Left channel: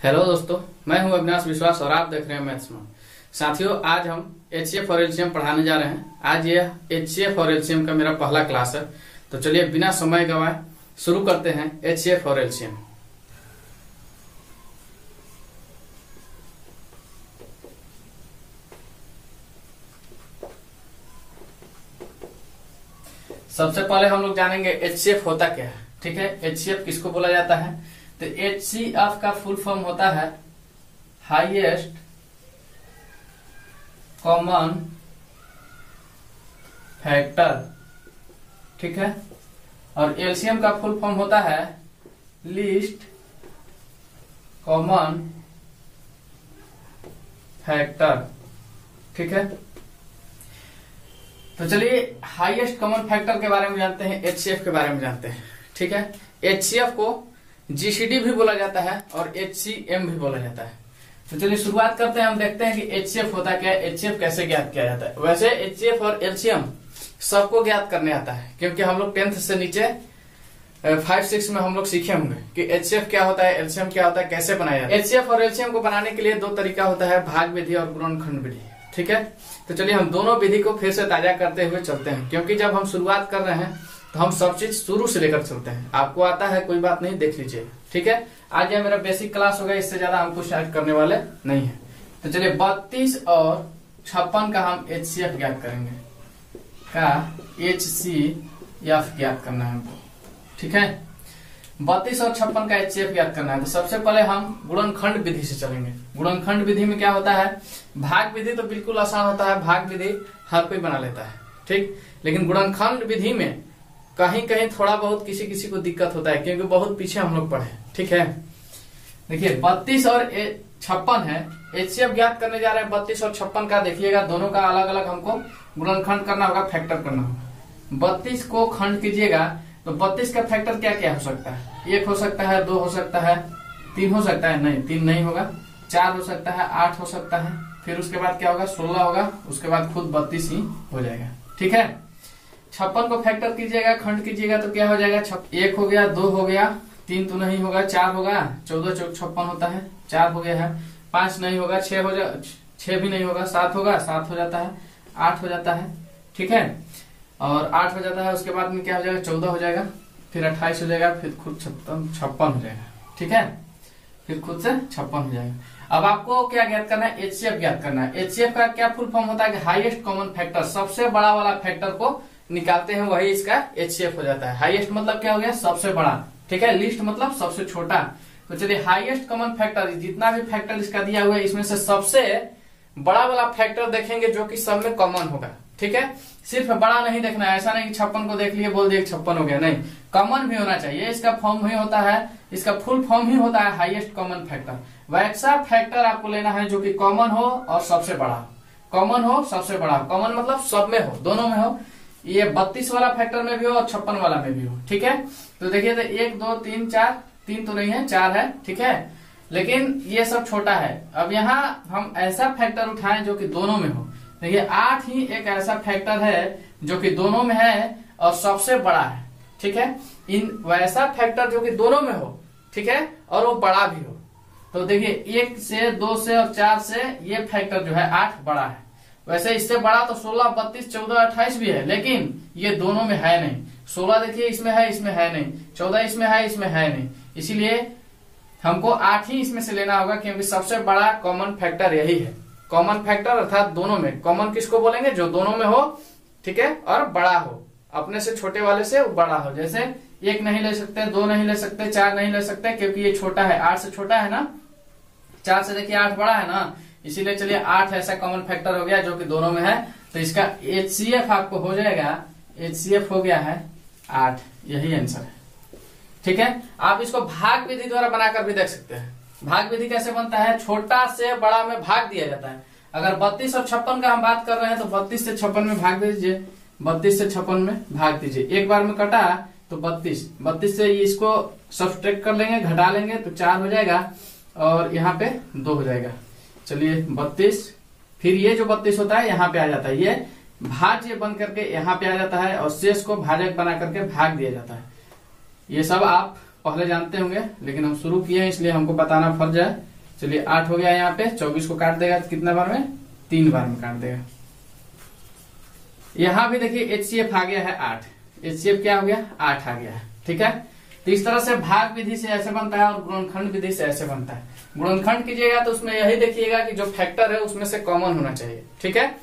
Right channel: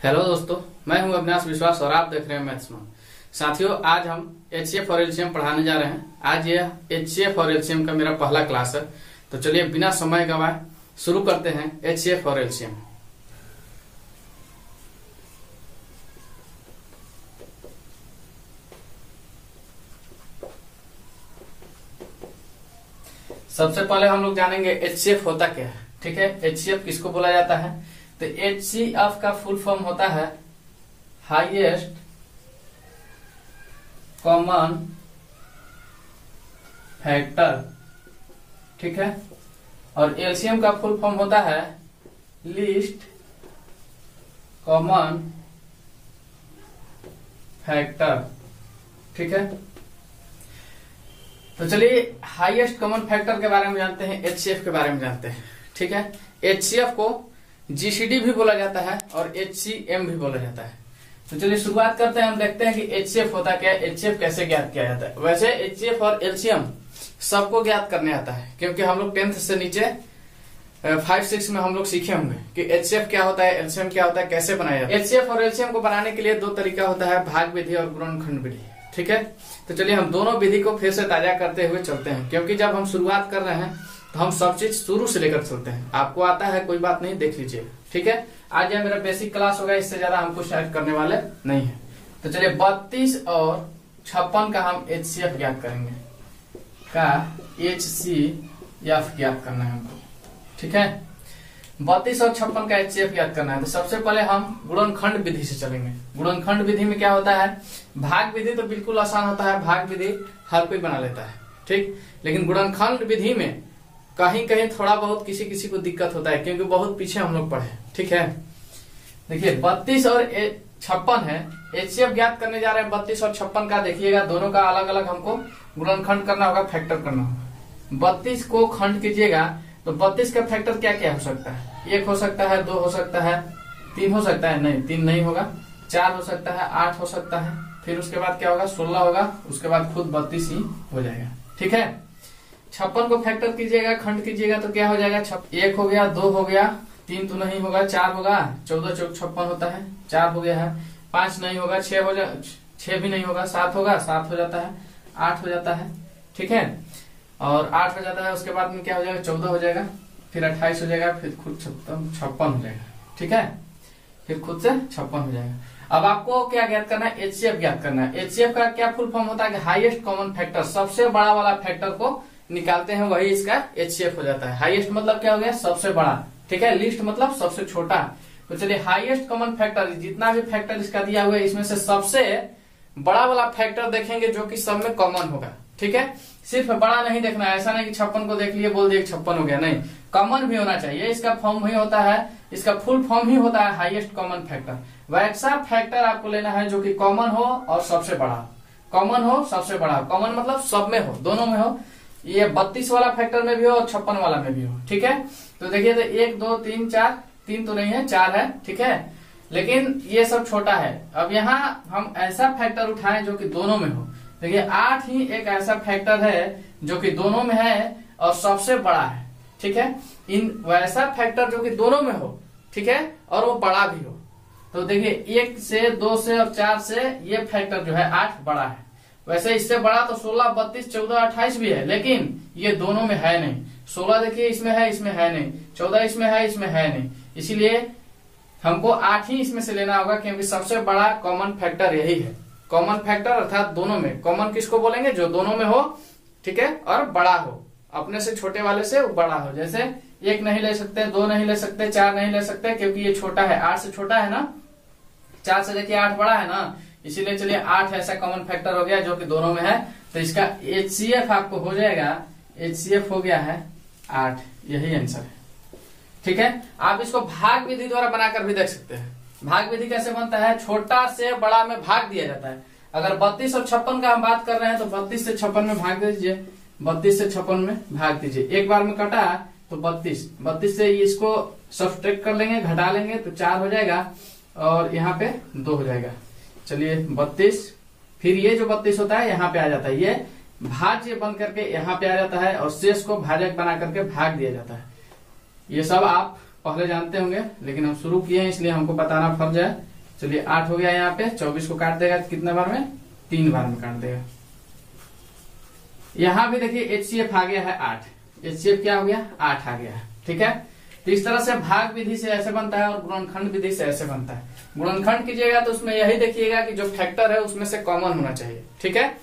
Hello दोस्तों, मैं हूं अविनाश विश्वास और आप देख रहे हैं मैथ्स में। साथियों, आज हम एचसीएफ और एलसीएम पढ़ाने जा रहे हैं। आज यह एचसीएफ और एलसीएम का मेरा पहला क्लास है, तो चलिए बिना समय गवाए शुरू करते हैं एचसीएफ और एलसीएम। सबसे पहले हम लोग जानेंगे एचसीएफ होता क्या है। ठीक है, एचसीएफ किसको बोला जाता है? तो एचसीएफ का फुल फॉर्म होता है हाईएस्ट कॉमन फैक्टर। ठीक है, और एलसीएम का फुल फॉर्म होता है लीस्ट कॉमन फैक्टर। ठीक है, तो चलिए हाईएस्ट कॉमन फैक्टर के बारे में जानते हैं, एचसीएफ के बारे में जानते हैं। ठीक है, एचसीएफ को जीसीडी भी बोला जाता है और एचसीएम भी बोला जाता है। तो चलिए शुरुआत करते हैं, हम देखते हैं कि एचसीएफ होता क्या है, एचसीएफ कैसे ज्ञात किया जाता है। वैसे एचसीएफ और एलसीएम सबको ज्ञात करने आता है, क्योंकि हम लोग 10th से नीचे 5-6 में हम लोग सीखे होंगे कि एचसीएफ क्या होता है, एलसीएम क्या होता है, कैसे बनाया जाता है। एचसीएफ और एलसीएम को बनाने के लिए दो तरीका होता है, भाग विधि और गुणनखंड विधि। ठीक है, तो चलिए हम दोनों विधि को फिर से ताजा करते हुए चलते हैं, क्योंकि जब हम शुरुआत कर रहे हैं तो हम सब चीज शुरू से लेकर चलते हैं। आपको आता है कोई बात नहीं, देख लीजिए। ठीक है, आज यह मेरा बेसिक क्लास होगा, इससे ज्यादा हम कुछ शायद करने वाले नहीं है। तो चलिए 32 और 56 का हम एचसीएफ ज्ञात करेंगे, का एचसीएफ ज्ञात करना है हमको। ठीक है, 32 और 56 का एचसीएफ ज्ञात करना है। तो सबसे पहले हम गुणनखंड विधि से चलेंगे। गुणनखंड विधि में क्या होता है? भाग विधि तो बिल्कुल आसान होता है, भाग विधि हर कोई बना लेता है। ठीक, लेकिन गुणनखंड विधि में कहीं कहीं थोड़ा बहुत किसी किसी को दिक्कत होता है, क्योंकि बहुत पीछे हम लोग पढ़े। ठीक है, देखिए 32 और 56 है, एचसीएफ ज्ञात करने जा रहे हैं 32 और 56 का। देखिएगा दोनों का अलग अलग हमको गुणनखंड करना होगा, फैक्टर करना होगा। 32 को खंड कीजिएगा तो 32 का फैक्टर क्या क्या हो सकता है? 1 हो सकता है, 2 हो सकता है, 3 हो सकता है, नहीं 3 नहीं होगा, 4 हो सकता है, 8 हो सकता है, फिर उसके बाद क्या होगा 16 होगा, उसके बाद खुद 32 ही हो जाएगा। ठीक है, 56 को फैक्टर कीजिएगा, खंड कीजिएगा तो क्या हो जाएगा? 1 हो गया, 2 हो गया, 3 तो नहीं होगा, 4 होगा, 14 चौक 56 होता है, 4 हो गया है, 5 नहीं होगा, 6 हो जाए, 6 भी नहीं होगा, 7 होगा, 7 हो जाता है, 8 हो जाता है। ठीक है, और 8 हो जाता है, उसके बाद में क्या हो जाएगा? 14 हो जाएगा, फिर 28 हो जाएगा, फिर खुद 56 हो जाएगा। ठीक है, फिर खुद से 56 हो जाएगा। अब आपको क्या ज्ञात करना है? एचसीएफ ज्ञात करना है। एचसीएफ का क्या फुल फॉर्म होता है कि हाईएस्ट कॉमन फैक्टर, सबसे बड़ा वाला फैक्टर को निकालते हैं, वही इसका एचसीएफ हो जाता है। हाईएस्ट मतलब क्या हो गया? सबसे बड़ा। ठीक है, लिस्ट मतलब सबसे छोटा। तो चलिए हाईएस्ट कॉमन फैक्टर, जितना भी फैक्टर इसका दिया हुआ है इसमें से सबसे बड़ा वाला फैक्टर देखेंगे जो कि सब में कॉमन होगा। ठीक है, सिर्फ बड़ा नहीं देखना है, ऐसा नहीं कि 56 को देख लिए बोल दिए 56 हो गया, नहीं, कॉमन भी होना चाहिए। इसका फॉर्म ही होता है, इसका फुल फॉर्म ही होता है हाईएस्ट कॉमन फैक्टर। वैसा फैक्टर आपको लेना है जो कि कॉमन हो और सबसे बड़ा। कॉमन हो, सबसे बड़ा। कॉमन मतलब सब में हो, दोनों में हो, ये 32 वाला फैक्टर में भी हो और 56 वाला में भी हो। ठीक है, तो देखिए तो 1 2 3 4, 3 तो नहीं है, 4 है। ठीक है, लेकिन ये सब छोटा है। अब यहाँ हम ऐसा फैक्टर उठाएं जो कि दोनों में हो। देखिए 8 ही एक ऐसा फैक्टर है जो कि दोनों में है और सबसे बड़ा है। ठीक है, इन वैसा फैक्टर जो कि दोनों में हो, ठीक है, और वो बड़ा भी हो। तो देखिए 1 से, 2 से और 4 से ये फैक्टर जो है 8 बड़ा है। वैसे इससे बड़ा तो 16, 32, 14, 28 भी है, लेकिन ये दोनों में है नहीं। 16 देखिए इसमें है, इसमें है नहीं, 14 इसमें है, इसमें है नहीं, इसीलिए हमको 8 ही इसमें से लेना होगा, क्योंकि सबसे बड़ा कॉमन फैक्टर यही है। कॉमन फैक्टर अर्थात दोनों में। कॉमन किसको बोलेंगे? जो दोनों में हो, ठीक है, और बड़ा हो, अपने से छोटे वाले से बड़ा हो। जैसे 1 नहीं ले सकते, 2 नहीं ले सकते, 4 नहीं ले सकते, क्योंकि ये छोटा है, 8 से छोटा है ना, 4 से देखिए 8 बड़ा है ना, इसीलिए चलिए 8 ऐसा कॉमन फैक्टर हो गया जो कि दोनों में है। तो इसका एचसीएफ आपको हो जाएगा, एचसीएफ हो गया है 8, यही आंसर है। ठीक है, आप इसको भाग विधि द्वारा बनाकर भी देख सकते हैं। भाग विधि कैसे बनता है? छोटा से बड़ा में भाग दिया जाता है। अगर 32 और 56 का हम बात कर रहे हैं तो 32 से 56 में भाग दीजिए, 32 से 56 में भाग दीजिए। एक बार में कटा तो 32 से इसको सब्ट्रैक्ट कर लेंगे, घटा लेंगे तो 4 हो जाएगा, और यहाँ पे 2 हो जाएगा। चलिए 32, फिर ये जो 32 होता है यहाँ पे आ जाता है, ये भाज्य बन करके यहाँ पे आ जाता है, और शेष को भाजक बना करके भाग दिया जाता है। ये सब आप पहले जानते होंगे, लेकिन हम शुरू किए हैं इसलिए हमको बताना फर्ज है। चलिए 8 हो गया, यहाँ पे 24 को काट देगा कितना बार में, 3 बार में काट देगा। यहाँ भी देखिए HCF आ गया है 8, HCF क्या हो गया 8 आ गया है, ठीक है। तो इस तरह से भाग विधि से ऐसे बनता है और गुणनखंड विधि से ऐसे बनता है। गुणनखंड कीजिएगा तो उसमें यही देखिएगा कि जो फैक्टर है उसमें से कॉमन होना चाहिए, ठीक है।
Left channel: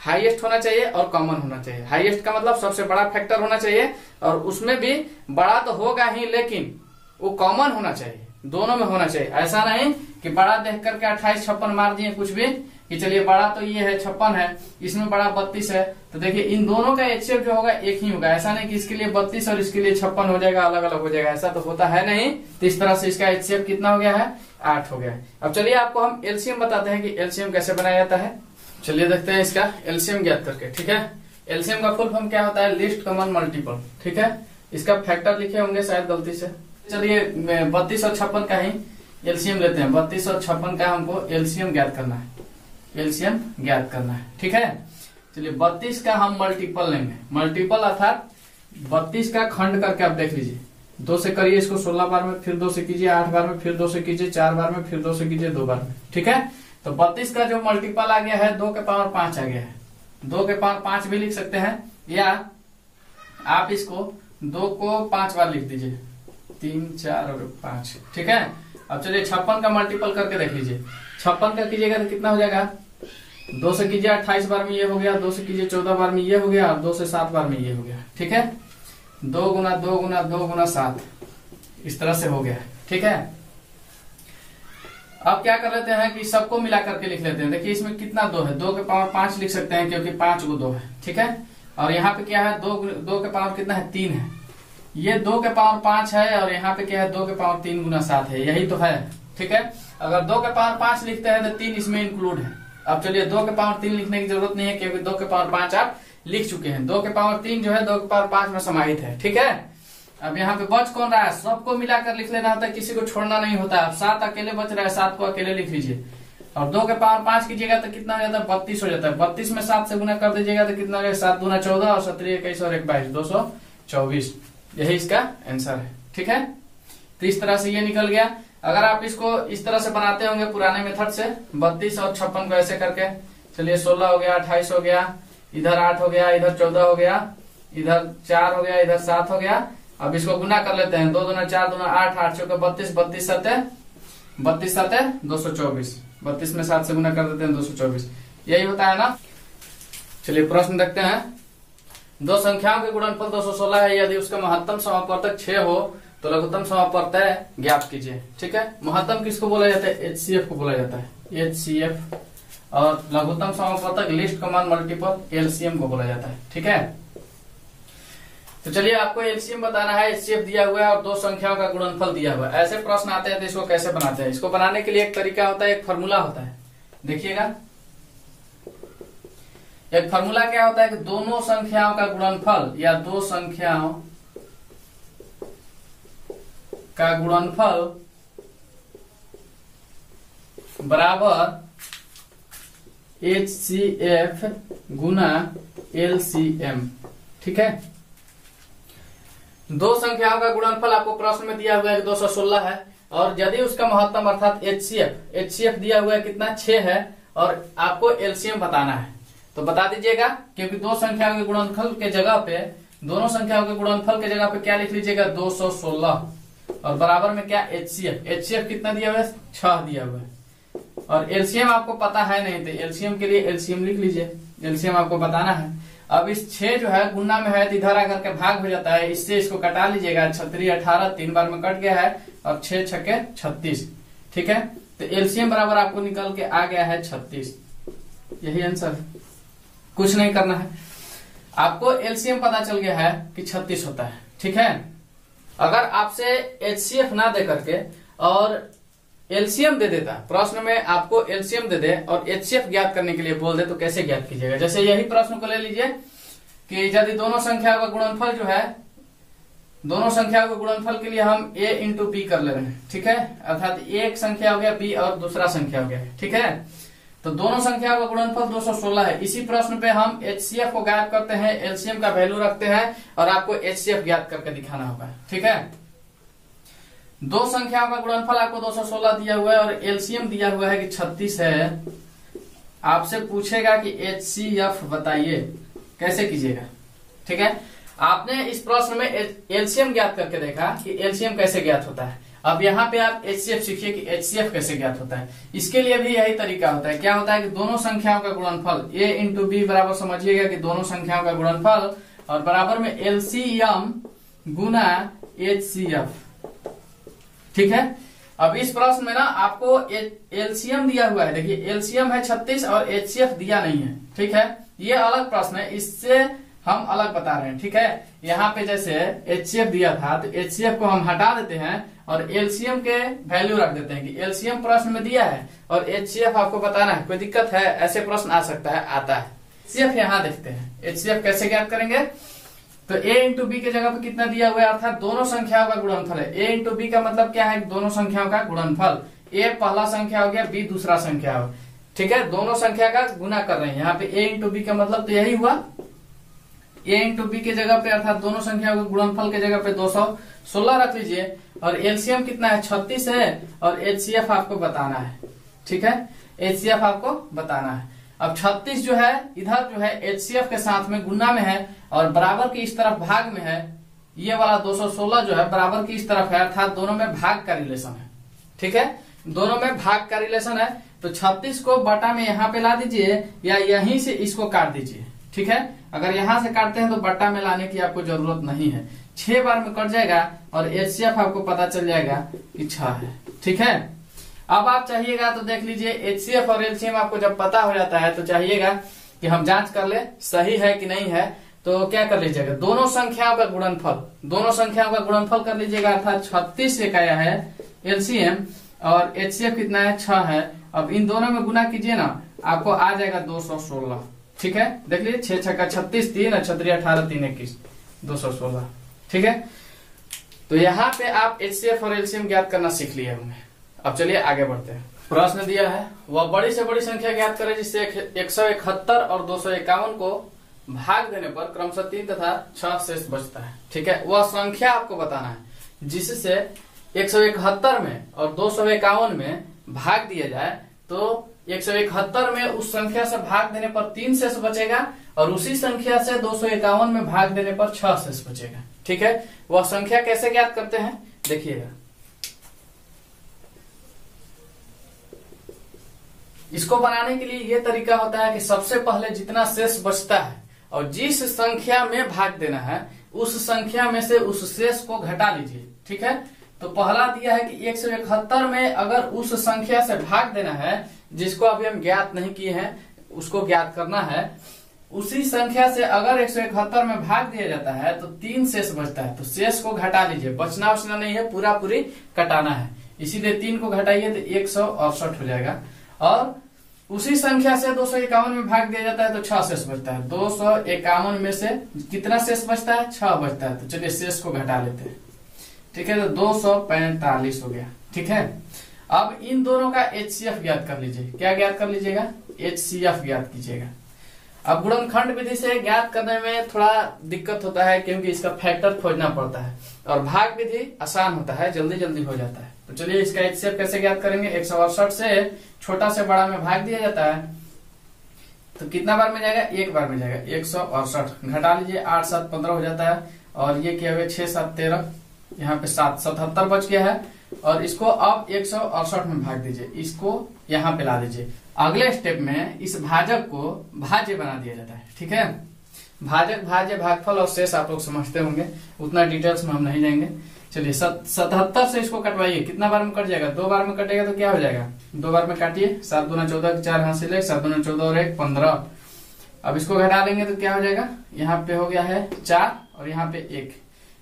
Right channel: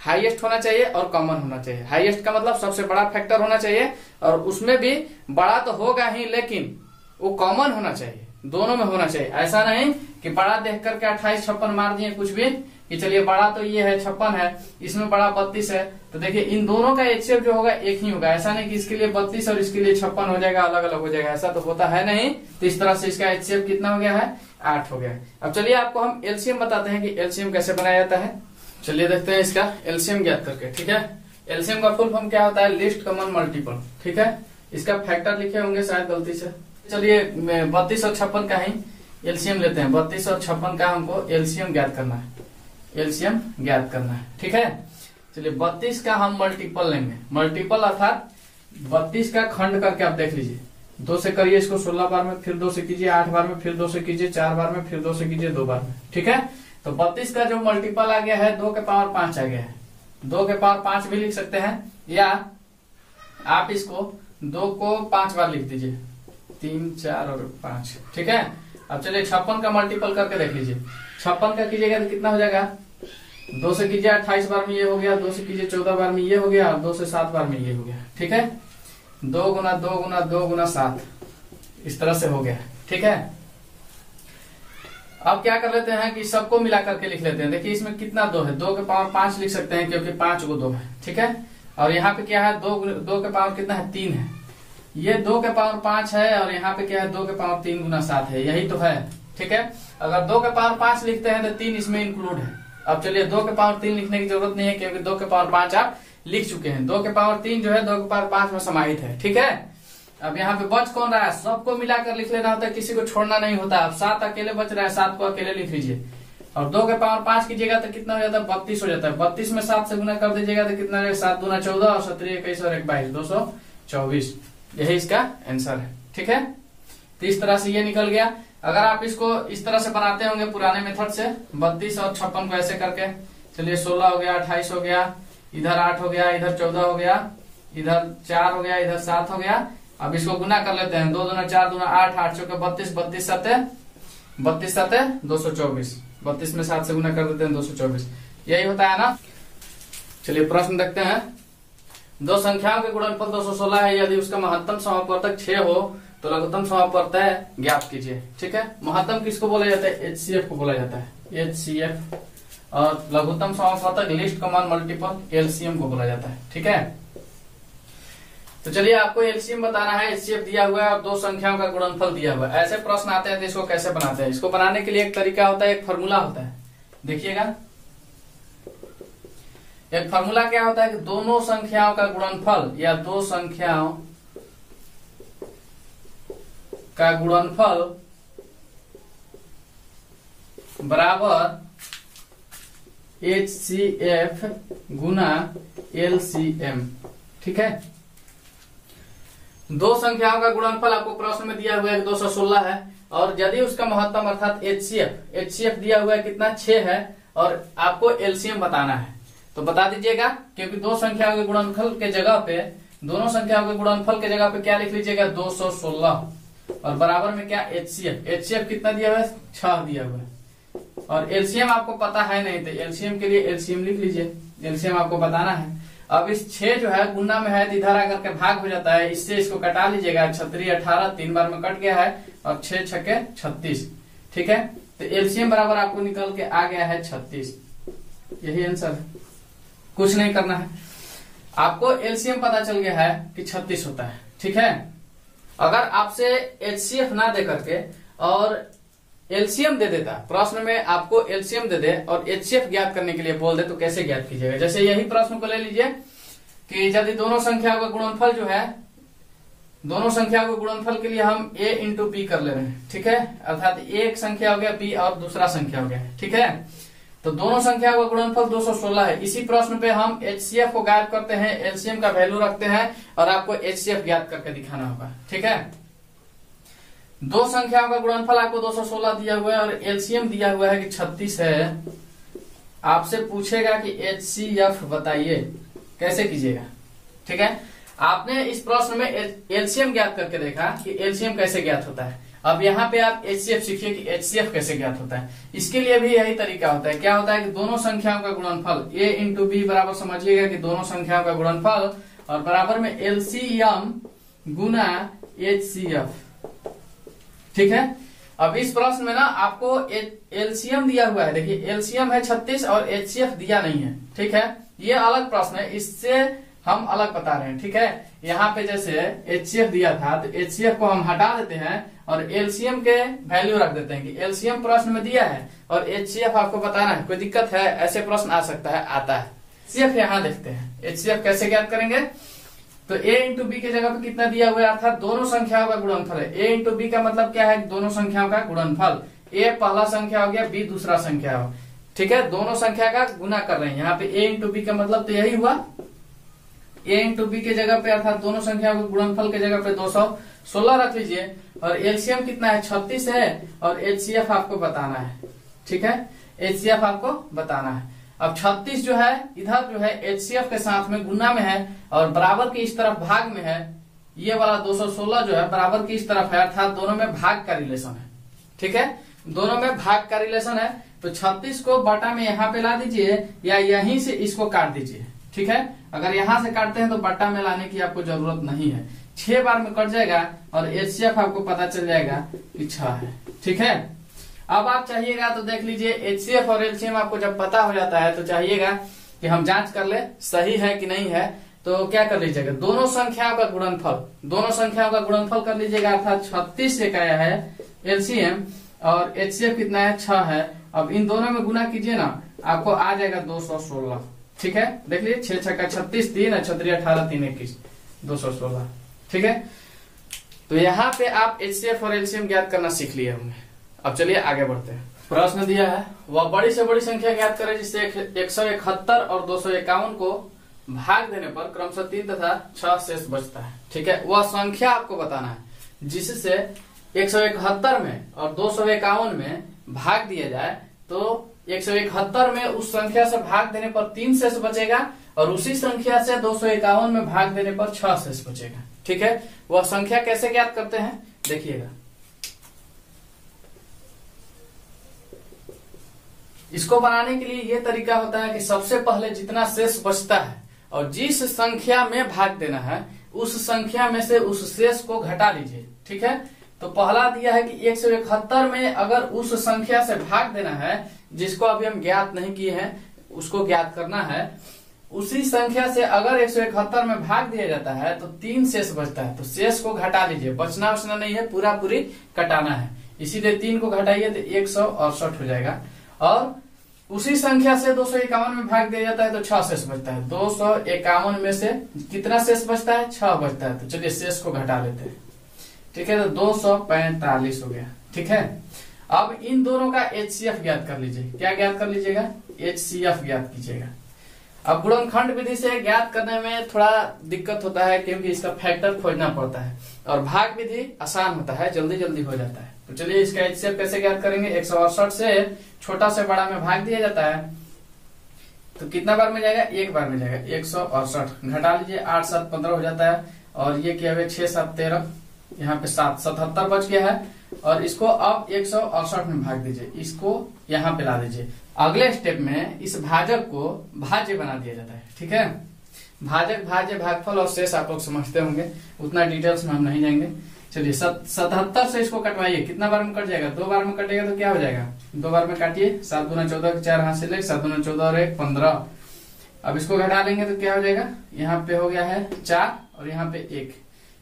हाईएस्ट होना चाहिए और कॉमन होना चाहिए। हाईएस्ट का मतलब सबसे बड़ा फैक्टर होना चाहिए, और उसमें भी बड़ा तो होगा ही लेकिन वो कॉमन होना चाहिए, दोनों में होना चाहिए। ऐसा नहीं कि बड़ा देख करके 28 56 मार दिए कुछ भी, कि चलिए बड़ा तो ये है 56 है, इसमें बड़ा 32 है, तो देखिए इन दोनों का HCF जो होगा एक ही होगा। ऐसा नहीं कि इसके लिए 32 और इसके लिए 56 हो जाएगा, अलग अलग हो जाएगा, ऐसा तो होता है नहीं। तो इस तरह से इसका HCF कितना हो गया है 8 हो गया। अब चलिए आपको हम LCM बताते हैं कि LCM कैसे बनाया जाता है। चलिए देखते हैं इसका LCM ज्ञात करके, ठीक है। LCM का फुल फॉर्म क्या होता है, लिस्ट कॉमन मल्टीपल, ठीक है। इसका फैक्टर लिखे होंगे शायद गलती से। चलिए 32 और 56 का ही LCM लेते हैं। 32 और 56 का हमको LCM ज्ञात करना है, LCM ज्ञात करना है, ठीक है। चलिए 32 का हम मल्टीपल लेंगे, मल्टीपल अर्थात 32 का खंड करके आप देख लीजिए। 2 से करिए इसको 16 बार में, फिर 2 से कीजिए 8 बार में, फिर 2 से कीजिए 4 बार में, फिर 2 से कीजिए 2 बार में, ठीक है। तो 32 का जो मल्टीपल आ गया है 2 के पावर 5 आ गया है। 2 के पावर 5 भी लिख सकते हैं, या आप इसको 2 को 5 बार लिख दीजिए, 3 4 और 5, ठीक है। अब चलिए 56 का मल्टीपल करके देख लीजिए। 56 का कीजिएगा तो कितना हो जाएगा, 2 से कीजिए 28 बार में ये हो गया, 2 से कीजिए 14 बार में ये हो गया, और 2 से 7 बार में ये हो गया, ठीक है। 2 गुना 2 गुना 2 गुना 7 इस तरह से हो गया, ठीक है। अब क्या कर लेते हैं कि सबको मिला करके लिख लेते हैं। देखिए इसमें कितना 2 है, 2 के पावर 5 लिख सकते हैं क्योंकि 5 को 2 है, ठीक है। और यहाँ पे क्या है, 2 के पावर कितना है 3 है। ये 2 के पावर 5 है, और यहाँ पे क्या है 2 के पावर 3 गुना 7 है, यही तो है, ठीक है। अगर 2 के पावर 5 लिखते हैं तो 3 इसमें इंक्लूड है। अब चलिए 2 के पावर 3 लिखने की जरूरत नहीं है क्योंकि 2 के पावर 5 आप लिख चुके हैं। 2 के पावर 3 जो है 2 के पावर 5 में समाहित है, ठीक है। अब यहाँ पे बच कौन रहा है, सबको मिलाकर लिख लेना होता है, किसी को छोड़ना नहीं होता। अब 7 अकेले बच रहा है, 7 को अकेले लिख लीजिए। और 2 के पावर 5 कीजिएगा तो कितना हो जाता है 32 हो जाता है। 32 में 7 से गुना कर दीजिएगा तो कितना हो जाएगा, 7 गुना 14 और 17 21 और 1 22 224। यही इसका आंसर है, ठीक है। तो इस तरह से ये निकल गया। अगर आप इसको इस तरह से बनाते होंगे पुराने मेथड से, 32 और 56 को ऐसे करके, चलिए 16 हो गया, 28 हो गया, इधर 8 हो गया, इधर 14 हो गया, इधर 4 हो गया, इधर 7 हो गया। अब इसको गुना कर लेते हैं, 2 दूना 4 दूना 8, 8 चौके 32, 32 7 224। 32 में 7 से गुना कर देते हैं 224, यही होता है ना। चलिए प्रश्न देखते हैं। दो संख्याओं के गुणनफल 216 है, यदि उसका महत्तम समापवर्तक 6 हो तो लघुत्तम समापवर्तक ज्ञात कीजिए, ठीक है। महत्तम किसको बोला जाता है, HCF को बोला जाता है, HCF। और लघुत्तम समापवर्तक लिस्ट कॉमन मल्टीपल LCM को बोला जाता है, ठीक है। तो चलिए आपको LCM बताना है, HCF दिया हुआ है और दो संख्याओं का गुणनफल दिया हुआ है। ऐसे प्रश्न आते हैं तो इसको कैसे बनाते हैं। इसको बनाने के लिए एक तरीका होता है, एक फॉर्मूला होता है, देखिएगा। एक फॉर्मूला क्या होता है कि दोनों संख्याओं का गुणनफल या दो संख्याओं का गुणनफल बराबर HCF गुना LCM, ठीक है। दो संख्याओं का गुणनफल आपको प्रश्न में दिया हुआ है 216 है, और यदि उसका महत्तम अर्थात HCF दिया हुआ है कितना 6 है, और आपको LCM बताना है। तो बता दीजिएगा, क्योंकि दो संख्याओं के गुणनफल के जगह पे, दोनों संख्याओं के गुणनफल के जगह पे क्या लिख लीजिएगा 216, और बराबर में क्या HCF कितना दिया हुआ है 6 दिया हुआ है, और LCM आपको पता है नहीं तो LCM के लिए LCM लिख लीजिए, LCM आपको बताना है। अब इस 6 जो है गुना में है तो इधर आकर के भाग हो जाता है, इससे इसको कटा लीजिएगा, 36 18 3 बार में कट गया है, और 6 छक्के 36, ठीक है। तो LCM बराबर आपको निकल के आ गया है 36, यही आंसर है, कुछ नहीं करना है। आपको LCM पता चल गया है कि 36 होता है, ठीक है। अगर आपसे HCF ना दे करके और LCM दे देता, प्रश्न में आपको LCM दे दे और HCF ज्ञात करने के लिए बोल दे, तो कैसे ज्ञात कीजिएगा। जैसे यही प्रश्न को ले लीजिए कि यदि दोनों संख्याओं का गुणनफल जो है, दोनों संख्याओं के गुणनफल के लिए हम A इंटू P कर ले रहे हैं, ठीक है। अर्थात एक संख्या हो गया P और दूसरा संख्या हो गया, ठीक है। तो दोनों संख्याओं का गुणनफल 216 है। इसी प्रश्न पे हम HCF को गायब करते हैं, LCM का वैल्यू रखते हैं, और आपको HCF ज्ञात करके दिखाना होगा, ठीक है। दो संख्याओं का गुणनफल आपको 216 दिया हुआ है और एलसीएम दिया हुआ है कि 36 है। आपसे पूछेगा कि एचसीएफ बताइए, कैसे कीजिएगा। ठीक है, आपने इस प्रश्न में एलसीएम ज्ञात करके देखा कि एलसीएम कैसे ज्ञात होता है। अब यहाँ पे आप एचसीएफ सीखिए कि एचसीएफ कैसे ज्ञात होता है। इसके लिए भी यही तरीका होता है। क्या होता है कि दोनों संख्याओं का गुणनफल ए इंटू बी बराबर, समझिएगा कि दोनों संख्याओं का गुणनफल और बराबर में एलसीएम गुना एचसीएफ। ठीक है, अब इस प्रश्न में ना आपको एलसीएम दिया हुआ है। देखिए एलसीएम है 36 और एचसीएफ दिया नहीं है। ठीक है, ये अलग प्रश्न है, इससे हम अलग बता रहे हैं। ठीक है, यहाँ पे जैसे एचसीएफ दिया था तो एचसीएफ को हम हटा देते हैं और एलसीएम के वैल्यू रख देते हैं कि एलसीएम प्रश्न में दिया है और एचसीएफ आपको बताना है। कोई दिक्कत है? ऐसे प्रश्न आ सकता है, आता है। एचसीएफ यहाँ देखते हैं, एचसीएफ कैसे ज्ञात करेंगे। तो ए इंटू बी के जगह पे कितना दिया हुआ है, अर्थात दोनों संख्याओं का गुणनफल है। ए इंटू बी का मतलब क्या है, दोनों संख्याओं का गुणनफल। ए पहला संख्या हो गया, बी दूसरा संख्या हो। ठीक है, दोनों संख्या का गुना कर रहे हैं। यहाँ पे ए इंटू बी का मतलब तो यही हुआ, ए इंटू बी के जगह पे अर्थात दोनों संख्याओं के गुणनफल के जगह पे 216 रख लीजिए और एलसीएम कितना है, 36 है और एचसीएफ आपको बताना है। ठीक है, एचसीएफ आपको बताना है। अब 36 जो है इधर जो है एचसीएफ के साथ में गुना में है और बराबर की इस तरफ भाग में है। ये वाला 216 जो है बराबर की इस तरफ है, अर्थात दोनों में भाग का रिलेशन है। ठीक है, दोनों में भाग का रिलेशन है। तो 36 को बटा में यहाँ पे ला दीजिए या यहीं से इसको काट दीजिए। ठीक है, अगर यहां से काटते हैं तो बट्टा में लाने की आपको जरूरत नहीं है। 6 बार में कट जाएगा और एचसीएफ आपको पता चल जाएगा कि 6 है। ठीक है, अब आप चाहिएगा तो देख लीजिए एचसीएफ और एलसीएम आपको जब पता हो जाता है तो चाहिएगा कि हम जांच कर ले सही है कि नहीं है। तो क्या कर लीजिएगा, दोनों संख्याओं का गुणनफल, दोनों संख्याओं का गुणनफल कर लीजिएगा। अर्थात 36 एक आया है एलसीएम और एचसीएफ कितना है, 6 है। अब इन दोनों में गुना कीजिए ना, आपको आ जाएगा 216। ठीक है, देख लीजिए 6 छक्का 36, 3 36 18 3 21 216। ठीक है, तो यहाँ पे आप एचसीएफ और एलसीएम ज्ञात करना सीख लिए होंगे। अब चलिए आगे बढ़ते हैं। प्रश्न दिया है, वह बड़ी से बड़ी संख्या ज्ञात करें जिससे 171 और 251 को भाग देने पर क्रमशः 3 तथा 6 शेष बचता है। ठीक है, वह संख्या आपको बताना है जिससे 171 में और 251 में भाग दिया जाए तो 171 में उस संख्या से भाग देने पर 3 शेष बचेगा और उसी संख्या से 251 में भाग देने पर 6 शेष बचेगा। ठीक है, वह संख्या कैसे ज्ञात करते हैं देखिएगा। इसको बनाने के लिए ये तरीका होता है कि सबसे पहले जितना शेष बचता है और जिस संख्या में भाग देना है उस संख्या में से उस शेष को घटा लीजिए। ठीक है, तो पहला दिया है कि 171 में अगर उस संख्या से भाग देना है जिसको अभी हम ज्ञात नहीं किए हैं, उसको ज्ञात करना है। उसी संख्या से अगर 171 में भाग दिया जाता है तो 3 शेष बचता है, तो शेष को घटा लीजिए। बचना बचना नहीं है, पूरा पूरी कटाना है। इसीलिए 3 को घटाइए तो 168 हो जाएगा। और उसी संख्या से 251 में भाग दिया जाता है तो 6 शेष बचता है। 251 में से कितना शेष बचता है, 6 बचता है। तो चलिए शेष को घटा लेते हैं। ठीक है, तो 245 हो गया। ठीक है, अब इन दोनों का एचसीएफ ज्ञात कर लीजिए। क्या ज्ञात कर लीजिएगा, एचसीएफ ज्ञात कीजिएगा। अब गुणनखंड विधि से ज्ञात करने में थोड़ा दिक्कत होता है क्योंकि इसका फैक्टर खोजना पड़ता है और भाग विधि आसान होता है, जल्दी जल्दी हो जाता है। तो चलिए इसका एचसीएफ कैसे ज्ञात करेंगे। 168 से छोटा से बड़ा में भाग दिया जाता है तो कितना बार में जाएगा, 1 बार में जाएगा। 168 घटा लीजिए, 8 7 15 हो जाता है और ये क्या है 6 7 13, यहाँ पे 7 77 बच गया है। और इसको अब 168 में भाग दीजिए, इसको यहाँ पे ला दीजिए। अगले स्टेप में इस भाजक को भाज्य बना दिया जाता है। ठीक है, भाजक, भाज्य, भागफल और शेष आप लोग समझते होंगे, उतना डिटेल्स में हम नहीं जाएंगे। चलिए 77 से इसको कटवाइए, कितना बार में कट जाएगा, 2 बार में कटेगा तो क्या हो जाएगा, 2 बार में काटिए। 7 दूना 14, 4 हाथ से ले, 7 दूना 14 और 1 15। अब इसको घटा लेंगे तो क्या हो जाएगा, यहाँ पे हो गया है 4 और यहाँ पे 1।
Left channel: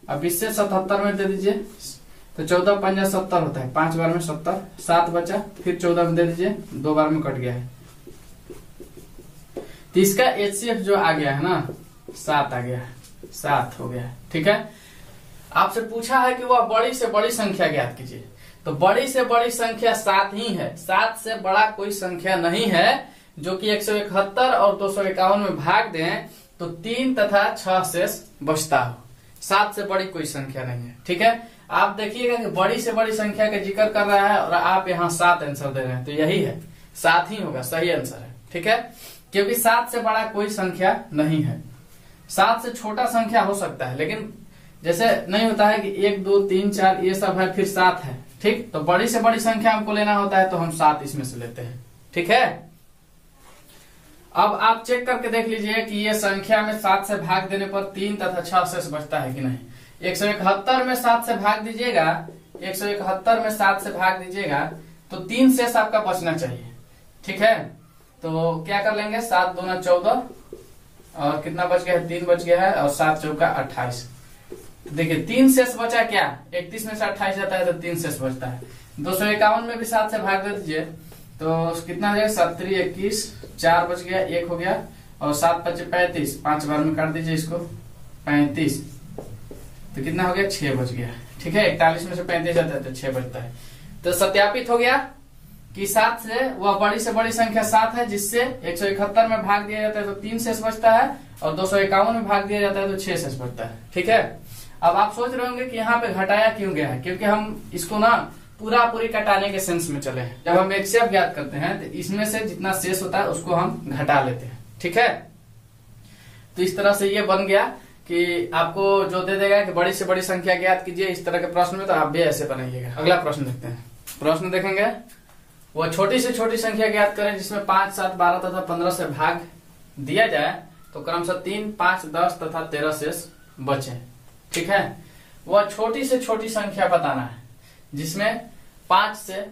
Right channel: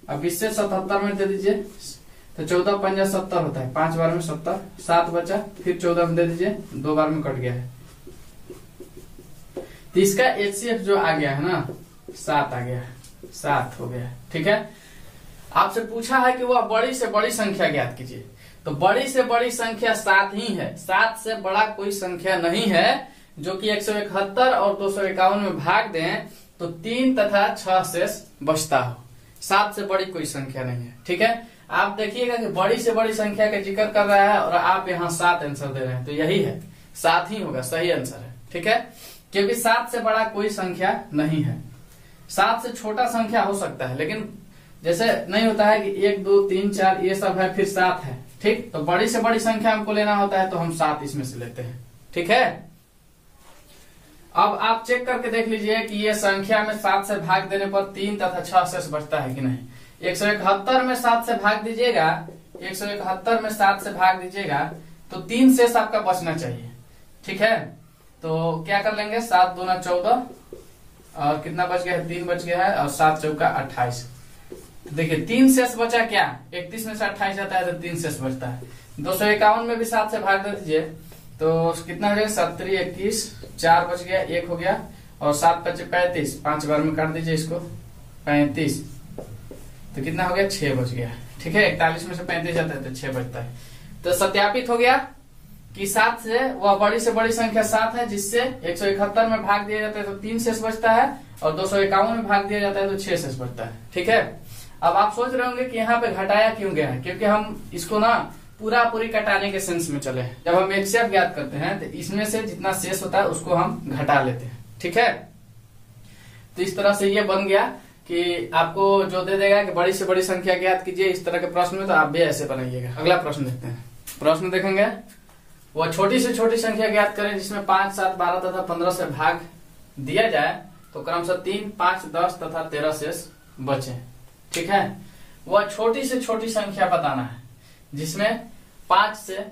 अब इससे 77 में दे दीजिए तो 14 5 70 होता है, 5 बार में 70, 7 बचा, फिर 14 में दे दीजिए, 2 बार में कट गया है। तो इसका एचसीएफ जो आ गया है ना 7 आ गया है, 7 हो गया है। ठीक है, आपसे पूछा है कि वह बड़ी से बड़ी संख्या ज्ञात कीजिए, तो बड़ी से बड़ी संख्या 7 ही है। 7 से बड़ा कोई संख्या नहीं है जो कि 171 और 251 में भाग दें तो 3 तथा 6 शेष बचता हो। 7 से बड़ी कोई संख्या नहीं है। ठीक है, आप देखिएगा कि बड़ी से बड़ी संख्या का जिक्र कर रहा है और आप यहाँ 7 आंसर दे रहे हैं, तो यही है 7 ही होगा, सही आंसर है। ठीक है, क्योंकि 7 से बड़ा कोई संख्या नहीं है। 7 से छोटा संख्या हो सकता है, लेकिन जैसे नहीं होता है कि 1 2 3 4 ये सब है फिर 7 है। ठीक, तो बड़ी से बड़ी संख्या हमको लेना होता है तो हम 7 इसमें से लेते हैं। ठीक है, अब आप चेक करके देख लीजिए कि ये संख्या में 7 से भाग देने पर 3 तथा 6 शेष बचता है कि नहीं। 171 में 7 से भाग दीजिएगा, 171 में 7 से भाग दीजिएगा तो 3 शेष आपका बचना चाहिए। ठीक है, तो क्या कर लेंगे, 7 दूना 14 और कितना बच गया है, 3 बच गया है और 7 चौका 28। तो देखिए 3 शेष बचा क्या, 31 में से 28 जाता है तो 3 शेष बचता है। 251 में भी 7 से भाग दे दीजिए तो कितना हो जाएगा, 7 3 21, 4 बच गया, 1 हो गया और 7 5 35, 5 बार में काट दीजिए इसको, 35, तो कितना हो गया, 6 बच गया। ठीक है, 41 में से 35 जाता है तो 6 बचता है। तो सत्यापित हो गया कि 7 से वह बड़ी से बड़ी संख्या 7 है, जिससे 171 में भाग दिया जाता है तो 3 शेष बचता है और 251 में भाग दिया जाता है तो 6 शेष बचता है। ठीक है, अब आप सोच रहे होंगे कि यहाँ पे घटाया क्यों गया है, क्योंकि हम इसको ना पूरी कटाने के सेंस में चले हैं। जब हम एचसीएफ ज्ञात करते हैं तो इसमें से जितना शेष होता है उसको हम घटा लेते हैं। ठीक है, तो इस तरह से ये बन गया कि आपको जो दे देगा कि बड़ी से बड़ी संख्या ज्ञात कीजिए इस तरह के प्रश्न में, तो आप भी ऐसे बनाइएगा। अगला प्रश्न देखते हैं। प्रश्न देखेंगे, वह छोटी से छोटी संख्या ज्ञात करें जिसमें 5 7 12 तथा 15 से भाग दिया जाए तो क्रमशः 3 5 10 तथा 13 शेष बचे। ठीक है, वह छोटी से छोटी संख्या बताना है जिसमें 5 से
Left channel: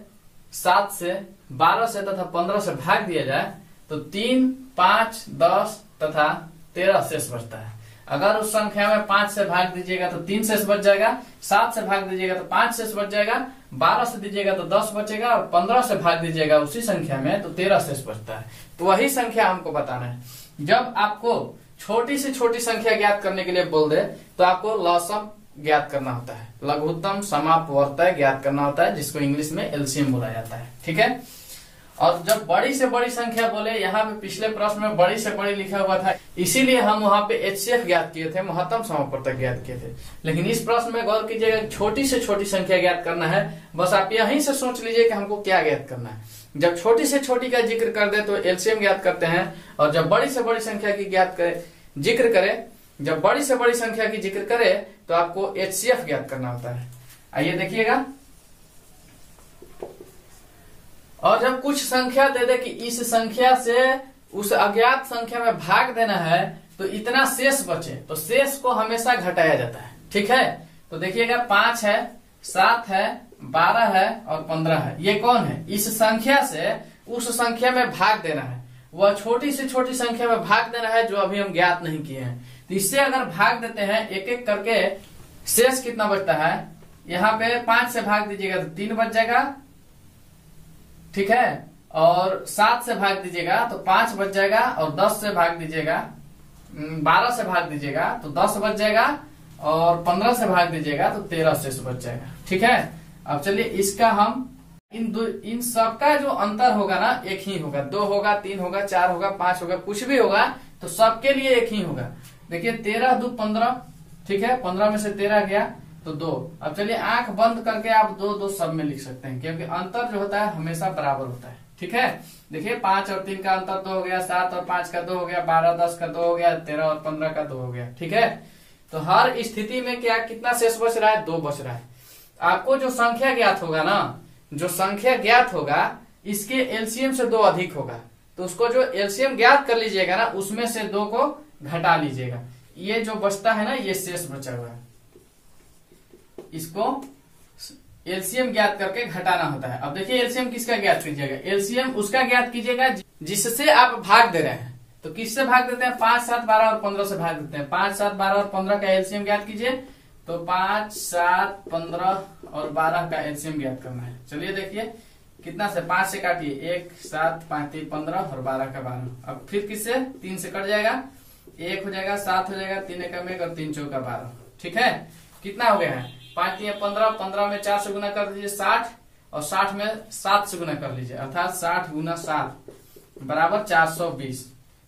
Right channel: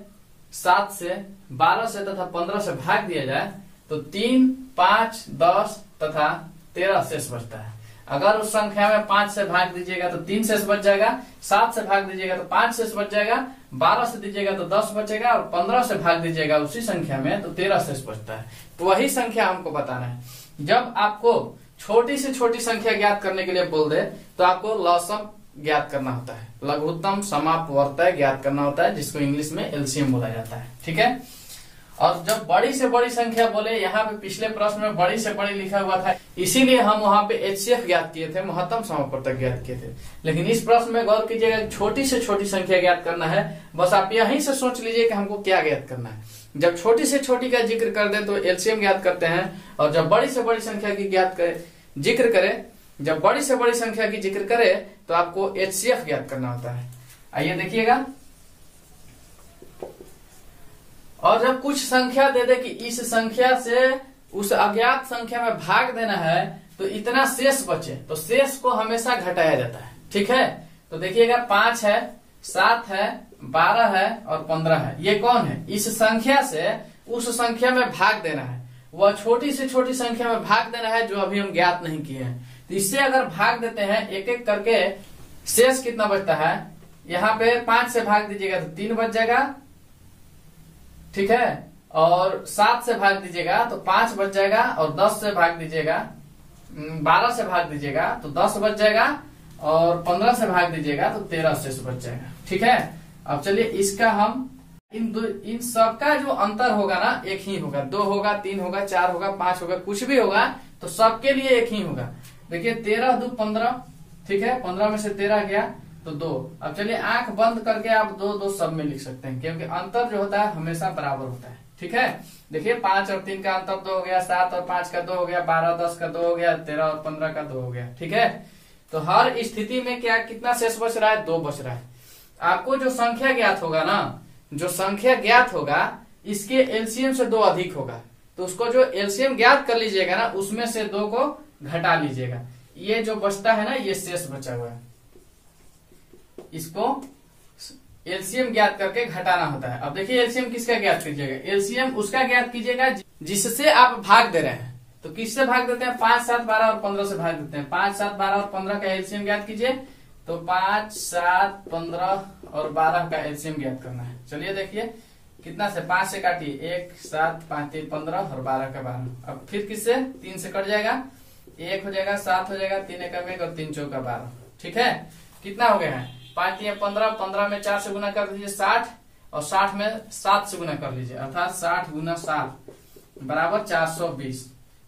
7 से 12 से तथा 15 से भाग दिया जाए तो 3 5 10 तथा 13 शेष बचता है। अगर उस संख्या में 5 से भाग दीजिएगा तो 3 शेष बच जाएगा, 7 से भाग दीजिएगा तो 5 शेष बच जाएगा, 12 से दीजिएगा तो 10 बचेगा और 15 से भाग दीजिएगा उसी संख्या में तो 13 शेष बचता है। तो वही संख्या हमको बताना है। जब आपको छोटी से छोटी संख्या ज्ञात करने के लिए बोल दे तो आपको लसम ज्ञात करना होता है, लघुत्तम समापवर्तय ज्ञात करना होता है, जिसको इंग्लिश में एलसीएम बोला जाता है। ठीक है, और जब बड़ी से बड़ी संख्या बोले, यहाँ पे पिछले प्रश्न में बड़ी से बड़ी लिखा हुआ था, इसीलिए हम वहाँ पे एचसीएफ ज्ञात किए थे, महत्तम समापवर्तक ज्ञात किए थे। लेकिन इस प्रश्न में गौर कीजिएगा, छोटी से छोटी संख्या ज्ञात करना है। बस आप यहीं से सोच लीजिए कि हमको क्या ज्ञात करना है। जब छोटी से छोटी का जिक्र कर दे तो एलसीएम ज्ञात करते हैं, और जब बड़ी से बड़ी संख्या की जिक्र करे, जब बड़ी से बड़ी संख्या की जिक्र करे तो आपको एचसीएफ ज्ञात करना होता है। आइए देखिएगा, और जब कुछ संख्या दे दे कि इस संख्या से उस अज्ञात संख्या में भाग देना है तो इतना शेष बचे, तो शेष को हमेशा घटाया जाता है। ठीक है, तो देखिएगा 5 है, 7 है, 12 है और 15 है। ये कौन है, इस संख्या से उस संख्या में भाग देना है। वह छोटी से छोटी संख्या में भाग देना है जो अभी हम ज्ञात नहीं किए हैं। तो इससे अगर भाग देते हैं एक एक करके, शेष कितना बचता है, यहाँ पे 5 से भाग दीजिएगा तो 3 बच जाएगा। ठीक है, और 7 से भाग दीजिएगा तो 5 बच जाएगा, और 10 से भाग दीजिएगा, 12 से भाग दीजिएगा तो 10 बच जाएगा, और 15 से भाग दीजिएगा तो 13 शेष बच जाएगा। ठीक है, अब चलिए इसका हम इन सबका जो अंतर होगा ना एक ही होगा, 2 होगा, 3 होगा, 4 होगा, 5 होगा, कुछ भी होगा तो सबके लिए एक ही होगा। देखिए 13 2 15, ठीक है, 15 में से 13 गया तो 2। अब चलिए आंख बंद करके आप 2 2 सब में लिख सकते हैं, क्योंकि अंतर जो होता है हमेशा बराबर होता है। ठीक है, देखिए 5 और 3 का अंतर 2 हो गया, 7 और 5 का 2 हो गया, 12 10 का 2 हो गया, 13 और 15 का 2 हो गया। ठीक है, तो हर स्थिति में क्या कितना शेष बच रहा है, 2 बच रहा है। आपको जो संख्या ज्ञात होगा ना, जो संख्या ज्ञात होगा इसके एलसीएम से 2 अधिक होगा, तो उसको जो एलसीएम ज्ञात कर लीजिएगा ना उसमें से 2 को घटा लीजिएगा। ये जो बचता है ना, ये शेष बचा हुआ है, इसको एलसीएम ज्ञात करके घटाना होता है। अब देखिए एलसीएम किसका ज्ञात कीजिएगा, एलसीएम उसका ज्ञात कीजिएगा जिससे आप भाग दे रहे हैं। तो किससे भाग देते हैं, 5 7 12 और 15 से भाग देते हैं। 5 7 12 और 15 का एलसीएम ज्ञात कीजिए, तो 5 7 15 और 12 का एलसीएम ज्ञात करना है। चलिए देखिए कितना से, 5 से काटिए, 1 7 5 3 15 और 12 का 12। अब फिर किससे, 3 से कट जाएगा, 1 हो जाएगा, 7 हो जाएगा, 3 1 1 और 3 4 12। ठीक है, कितना हो गया है, 5 3 15, 15 में 4 से गुना कर दीजिए 60, और 60 में 7 से गुना कर लीजिए, अर्थात 60 गुना 7 बराबर 420।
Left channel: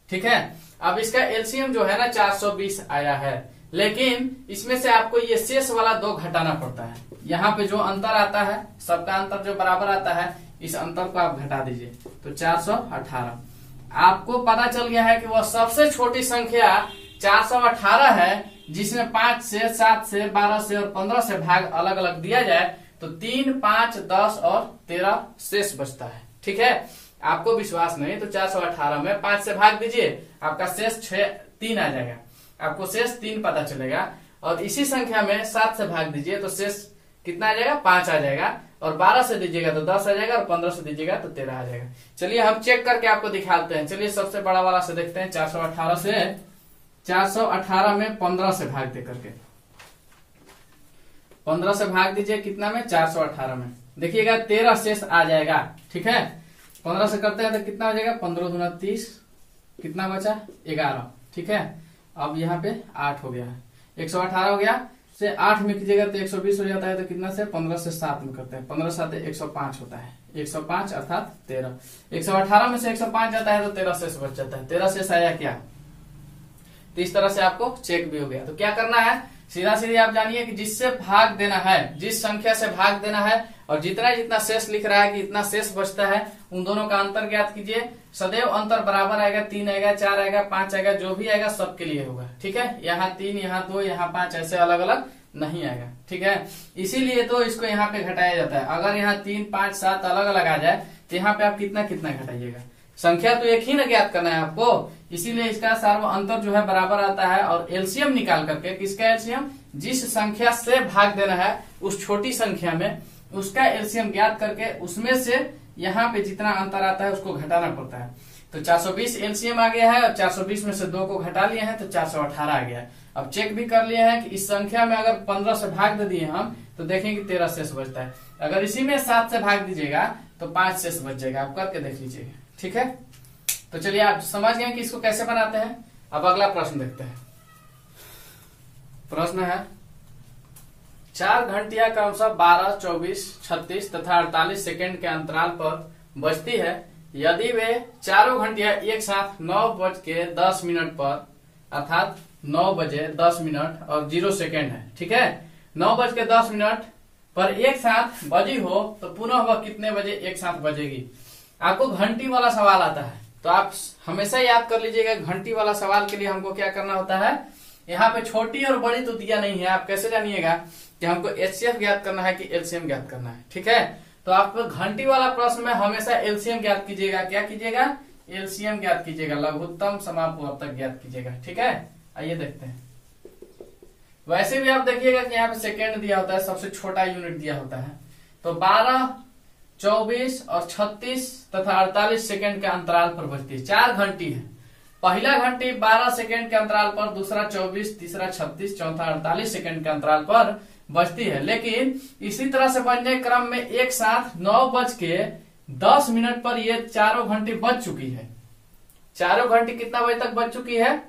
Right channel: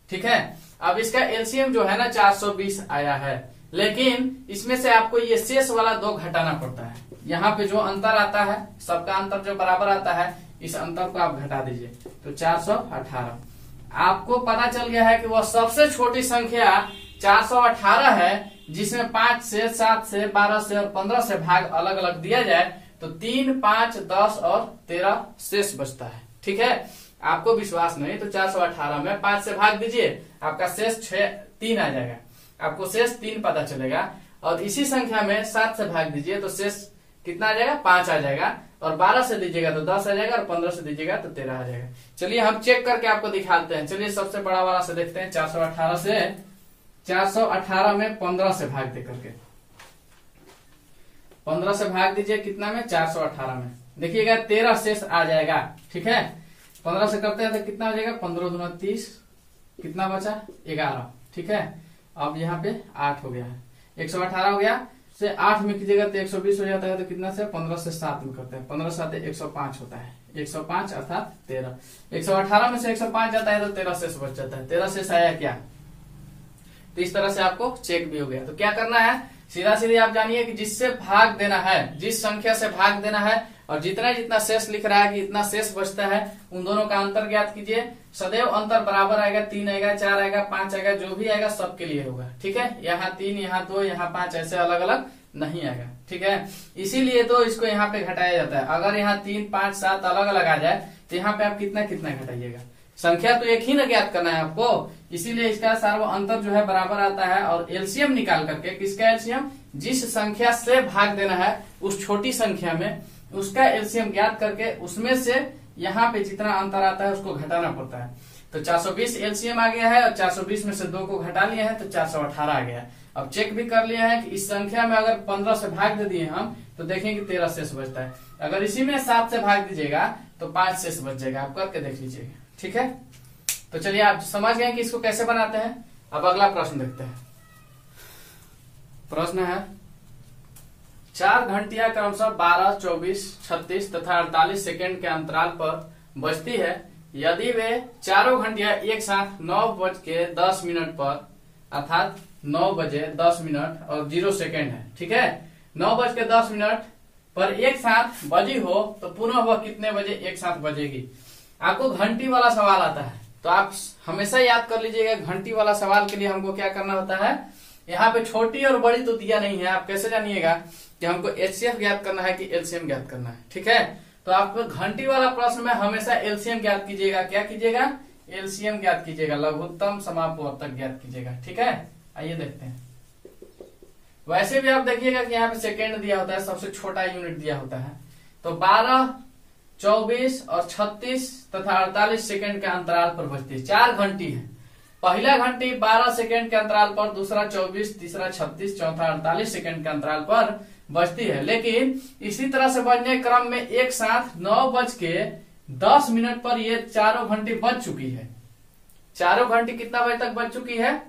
ठीक है, अब इसका एलसीएम जो है ना 420 आया है, लेकिन इसमें से आपको ये शेष वाला 2 घटाना पड़ता है। यहाँ पे जो अंतर आता है, सबका अंतर जो बराबर आता है, इस अंतर को आप घटा दीजिए तो 418। आपको पता चल गया है कि वह सबसे छोटी संख्या 418 है जिसमें 5 से, 7 से, 12 से और 15 से भाग अलग अलग दिया जाए तो 3, 5, 10 और 13 शेष बचता है। ठीक है, आपको विश्वास नहीं तो 418 में 5 से भाग दीजिए, आपका शेष 3 आ जाएगा, आपको शेष 3 पता चलेगा। और इसी संख्या में 7 से भाग दीजिए तो शेष कितना आ जाएगा, 5 आ जाएगा। और 12 से दीजिएगा तो 10 आ जाएगा और 15 से दीजिएगा तो 13 आ जाएगा। चलिए हम चेक करके आपको दिखाते हैं। चलिए सबसे बड़ा वाला से देखते हैं। 418 में 15 से भाग दे करके 15 से भाग दीजिए कितना में, 418 में। देखिएगा 13 शेष आ जाएगा। ठीक है, 15 से करते हैं तो कितना हो जाएगा, 15 दूना 30, कितना बचा 11। ठीक है, अब यहाँ पे 8 हो गया है, 118 हो गया। से 8 में कीजिएगा तो 120 हो जाता है। तो कितना से 15 से 7 में करते हैं, 15 7 105 होता है, 105 अर्थात 13। 118 में से 105 जाता है तो 13 शेष बच जाता है। 13 शेष आया क्या, तो इस तरह से आपको चेक भी हो गया। तो क्या करना है, सीधा सीधी आप जानिए कि जिससे भाग देना है, जिस संख्या से भाग देना है और जितना जितना शेष लिख रहा है कि इतना शेष बचता है, उन दोनों का अंतर ज्ञात कीजिए। सदैव अंतर बराबर आएगा, 3 आएगा, 4 आएगा, 5 आएगा, जो भी आएगा सबके लिए होगा। ठीक है, यहाँ 3, यहाँ 2, यहाँ 5 ऐसे अलग अलग नहीं आएगा। ठीक है, इसीलिए तो इसको यहाँ पे घटाया जाता है। अगर यहाँ 3, 5, 7 अलग अलग आ जाए तो यहाँ पे आप कितना कितना घटाइएगा, संख्या तो एक ही ना ज्ञात करना है आपको। इसीलिए इसका सार्व अंतर जो है बराबर आता है। और एलसीएम निकाल करके, किसका एलसीएम, जिस संख्या से भाग देना है उस छोटी संख्या में, उसका एलसीएम ज्ञात करके उसमें से यहाँ पे जितना अंतर आता है उसको घटाना पड़ता है। तो 420 एलसीएम आ गया है और 420 में से 2 को घटा लिए हैं तो 418 आ गया। अब चेक भी कर लिए हैं कि इस संख्या में अगर 15 से भाग दे दिए हम तो देखेंगे कि 13 शेष बचता है। अगर इसी में 7 से भाग दीजिएगा तो 5 शेष बच जाएगा। आप करके देख लीजिएगा। ठीक है, तो चलिए आप समझ गए कि इसको कैसे बनाते हैं। अब अगला प्रश्न देखते हैं। प्रश्न है 4 घंटियां क्रमशः 12, 24, 36 तथा 48 सेकेंड के अंतराल पर बजती है। यदि वे चारों घंटियां एक साथ 9:10 पर अर्थात 9:10 और 0 सेकेंड है। ठीक है, 9:10 पर एक साथ बजी हो तो पुनः वह कितने बजे एक साथ बजेगी। आपको घंटी वाला सवाल आता है तो आप हमेशा याद कर लीजिएगा, घंटी वाला सवाल के लिए हमको क्या करना होता है, यहाँ पे छोटी और बड़ी तो दिया नहीं है। आप कैसे जानिएगा कि हमको एचसीएफ ज्ञात करना है कि एलसीएम ज्ञात करना है। ठीक है, तो आप घंटी वाला प्रश्न में हमेशा एलसीएम ज्ञात कीजिएगा। क्या कीजिएगा, एलसीएम ज्ञात कीजिएगा, लघुत्तम समापवर्तक ज्ञात कीजिएगा। ठीक है, आइए देखते हैं। वैसे भी आप देखिएगा कि यहाँ पे सेकेंड दिया होता है, सबसे छोटा यूनिट दिया होता है। तो 12, 24 और 36 तथा 48 सेकेंड के अंतराल पर बजती है। 4 घंटी है। पहला घंटी 12 सेकेंड के अंतराल पर, दूसरा 24, तीसरा 36, चौथा 48 सेकेंड के अंतराल पर बजती है। लेकिन इसी तरह से बजने क्रम में एक साथ 9:10 पर ये चारों घंटी बज चुकी है। चारों घंटी कितना बजे तक बज चुकी है,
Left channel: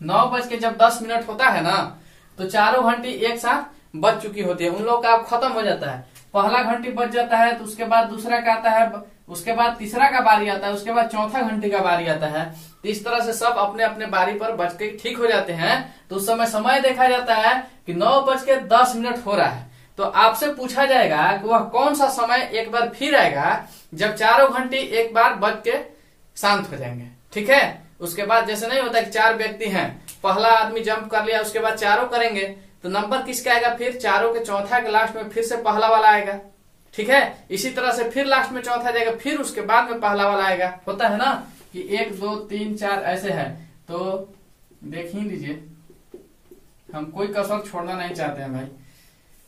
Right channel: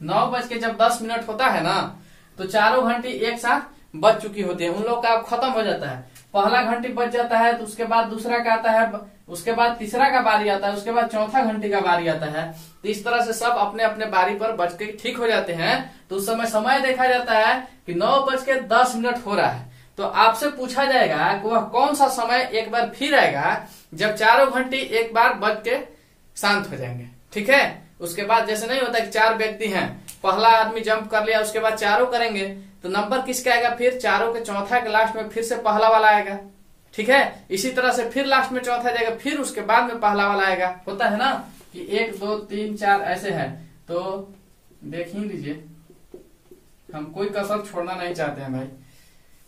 9:10 होता है ना, तो चारों घंटी एक साथ बज चुकी होती है। उन लोग का खत्म हो जाता है। पहला घंटी बज जाता है तो उसके बाद दूसरा का आता है, उसके बाद तीसरा का बारी आता है, उसके बाद चौथा घंटी का बारी आता है। तो इस तरह से सब अपने अपने बारी पर बज के ठीक हो जाते हैं। तो उस समय देखा जाता है कि 9:10 हो रहा है। तो आपसे पूछा जाएगा कि वह कौन सा समय एक बार फिर आएगा जब चारों घंटी एक बार बज के शांत हो जाएंगे। ठीक है, उसके बाद जैसे नहीं होता कि 4 व्यक्ति हैं, पहला आदमी जंप कर लिया, उसके बाद चारों करेंगे तो नंबर किसका आएगा, फिर चारों के चौथा के लास्ट में फिर से पहला वाला आएगा। ठीक है, इसी तरह से फिर लास्ट में चौथा जाएगा, फिर उसके बाद में पहला वाला आएगा। होता है ना कि 1, 2, 3, 4 ऐसे है। तो देख ही लीजिए, हम कोई कसर छोड़ना नहीं चाहते हैं भाई।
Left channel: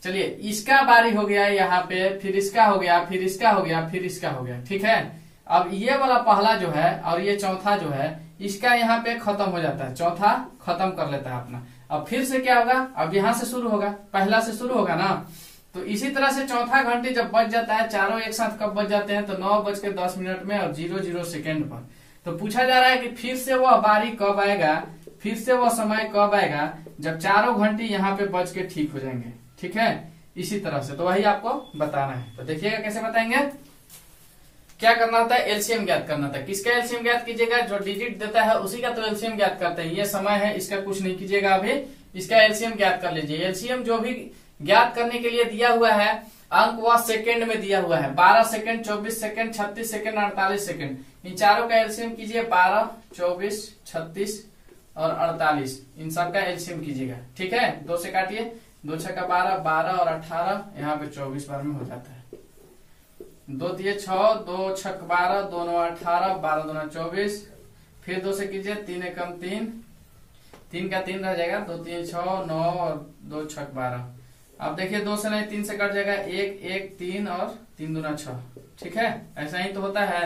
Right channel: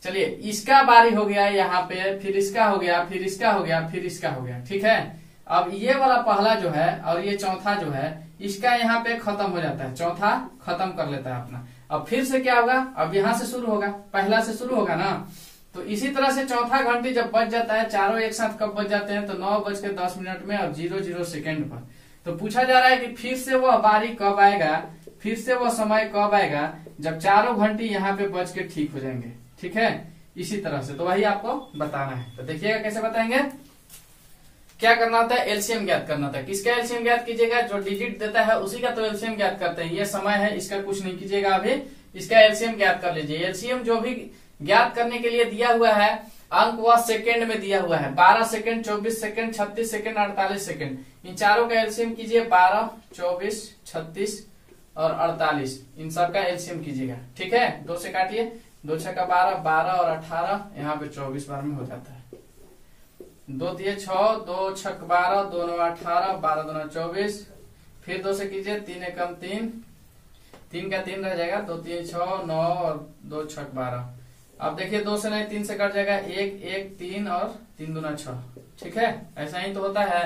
चलिए, इसका बारी हो गया यहाँ पे, फिर इसका हो गया, फिर इसका हो गया, फिर इसका हो गया। ठीक है, अब ये वाला पहला जो है और ये चौथा जो है, इसका यहाँ पे खत्म हो जाता है, चौथा खत्म कर लेता है अपना। अब फिर से क्या होगा, अब यहाँ से शुरू होगा, पहला से शुरू होगा ना। तो इसी तरह से चौथा घंटी जब बज जाता है, चारों एक साथ कब बज जाते हैं, तो 9:10 में और 00 सेकेंड पर। तो पूछा जा रहा है कि फिर से वह बारी कब आएगा, फिर से वह समय कब आएगा जब चारों घंटी यहाँ पे बज के ठीक हो जाएंगे। ठीक है, इसी तरह से तो वही आपको बताना है। तो देखिएगा कैसे बताएंगे। क्या करना होता है, एलसीएम ज्ञात करना होता है। किसका एलसीएम ज्ञात कीजिएगा, जो डिजिट देता है उसी का तो एलसीएम ज्ञात करते हैं। ये समय है, इसका कुछ नहीं कीजिएगा अभी, इसका एलसीएम ज्ञात कर लीजिए। एलसीएम जो भी ज्ञात करने के लिए दिया हुआ है अंक वह सेकेंड में दिया हुआ है। 12 सेकेंड, 24 सेकेंड, 36 सेकेंड, 48 सेकेंड, इन चारों का एलसीएम कीजिए। 12, 24, 36 और 48, इन सब का एलसीएम कीजिएगा। ठीक है, 2 से काटिए, 2 छक्का 12, 12 और 18, यहाँ पे 24 बार में हो जाता है। 2 दिए 6, 2 छक 12, 2 9 18, 12 2 24, फिर 2 से कीजिए, 3 एकम 3, 3 का 3 रह जाएगा, 2 3 6 9 और 2 छक 12। अब देखिए 2 से नहीं 3 से कट जाएगा, 1 1 3 और 3 दूना 6। ठीक है, ऐसा ही तो होता है।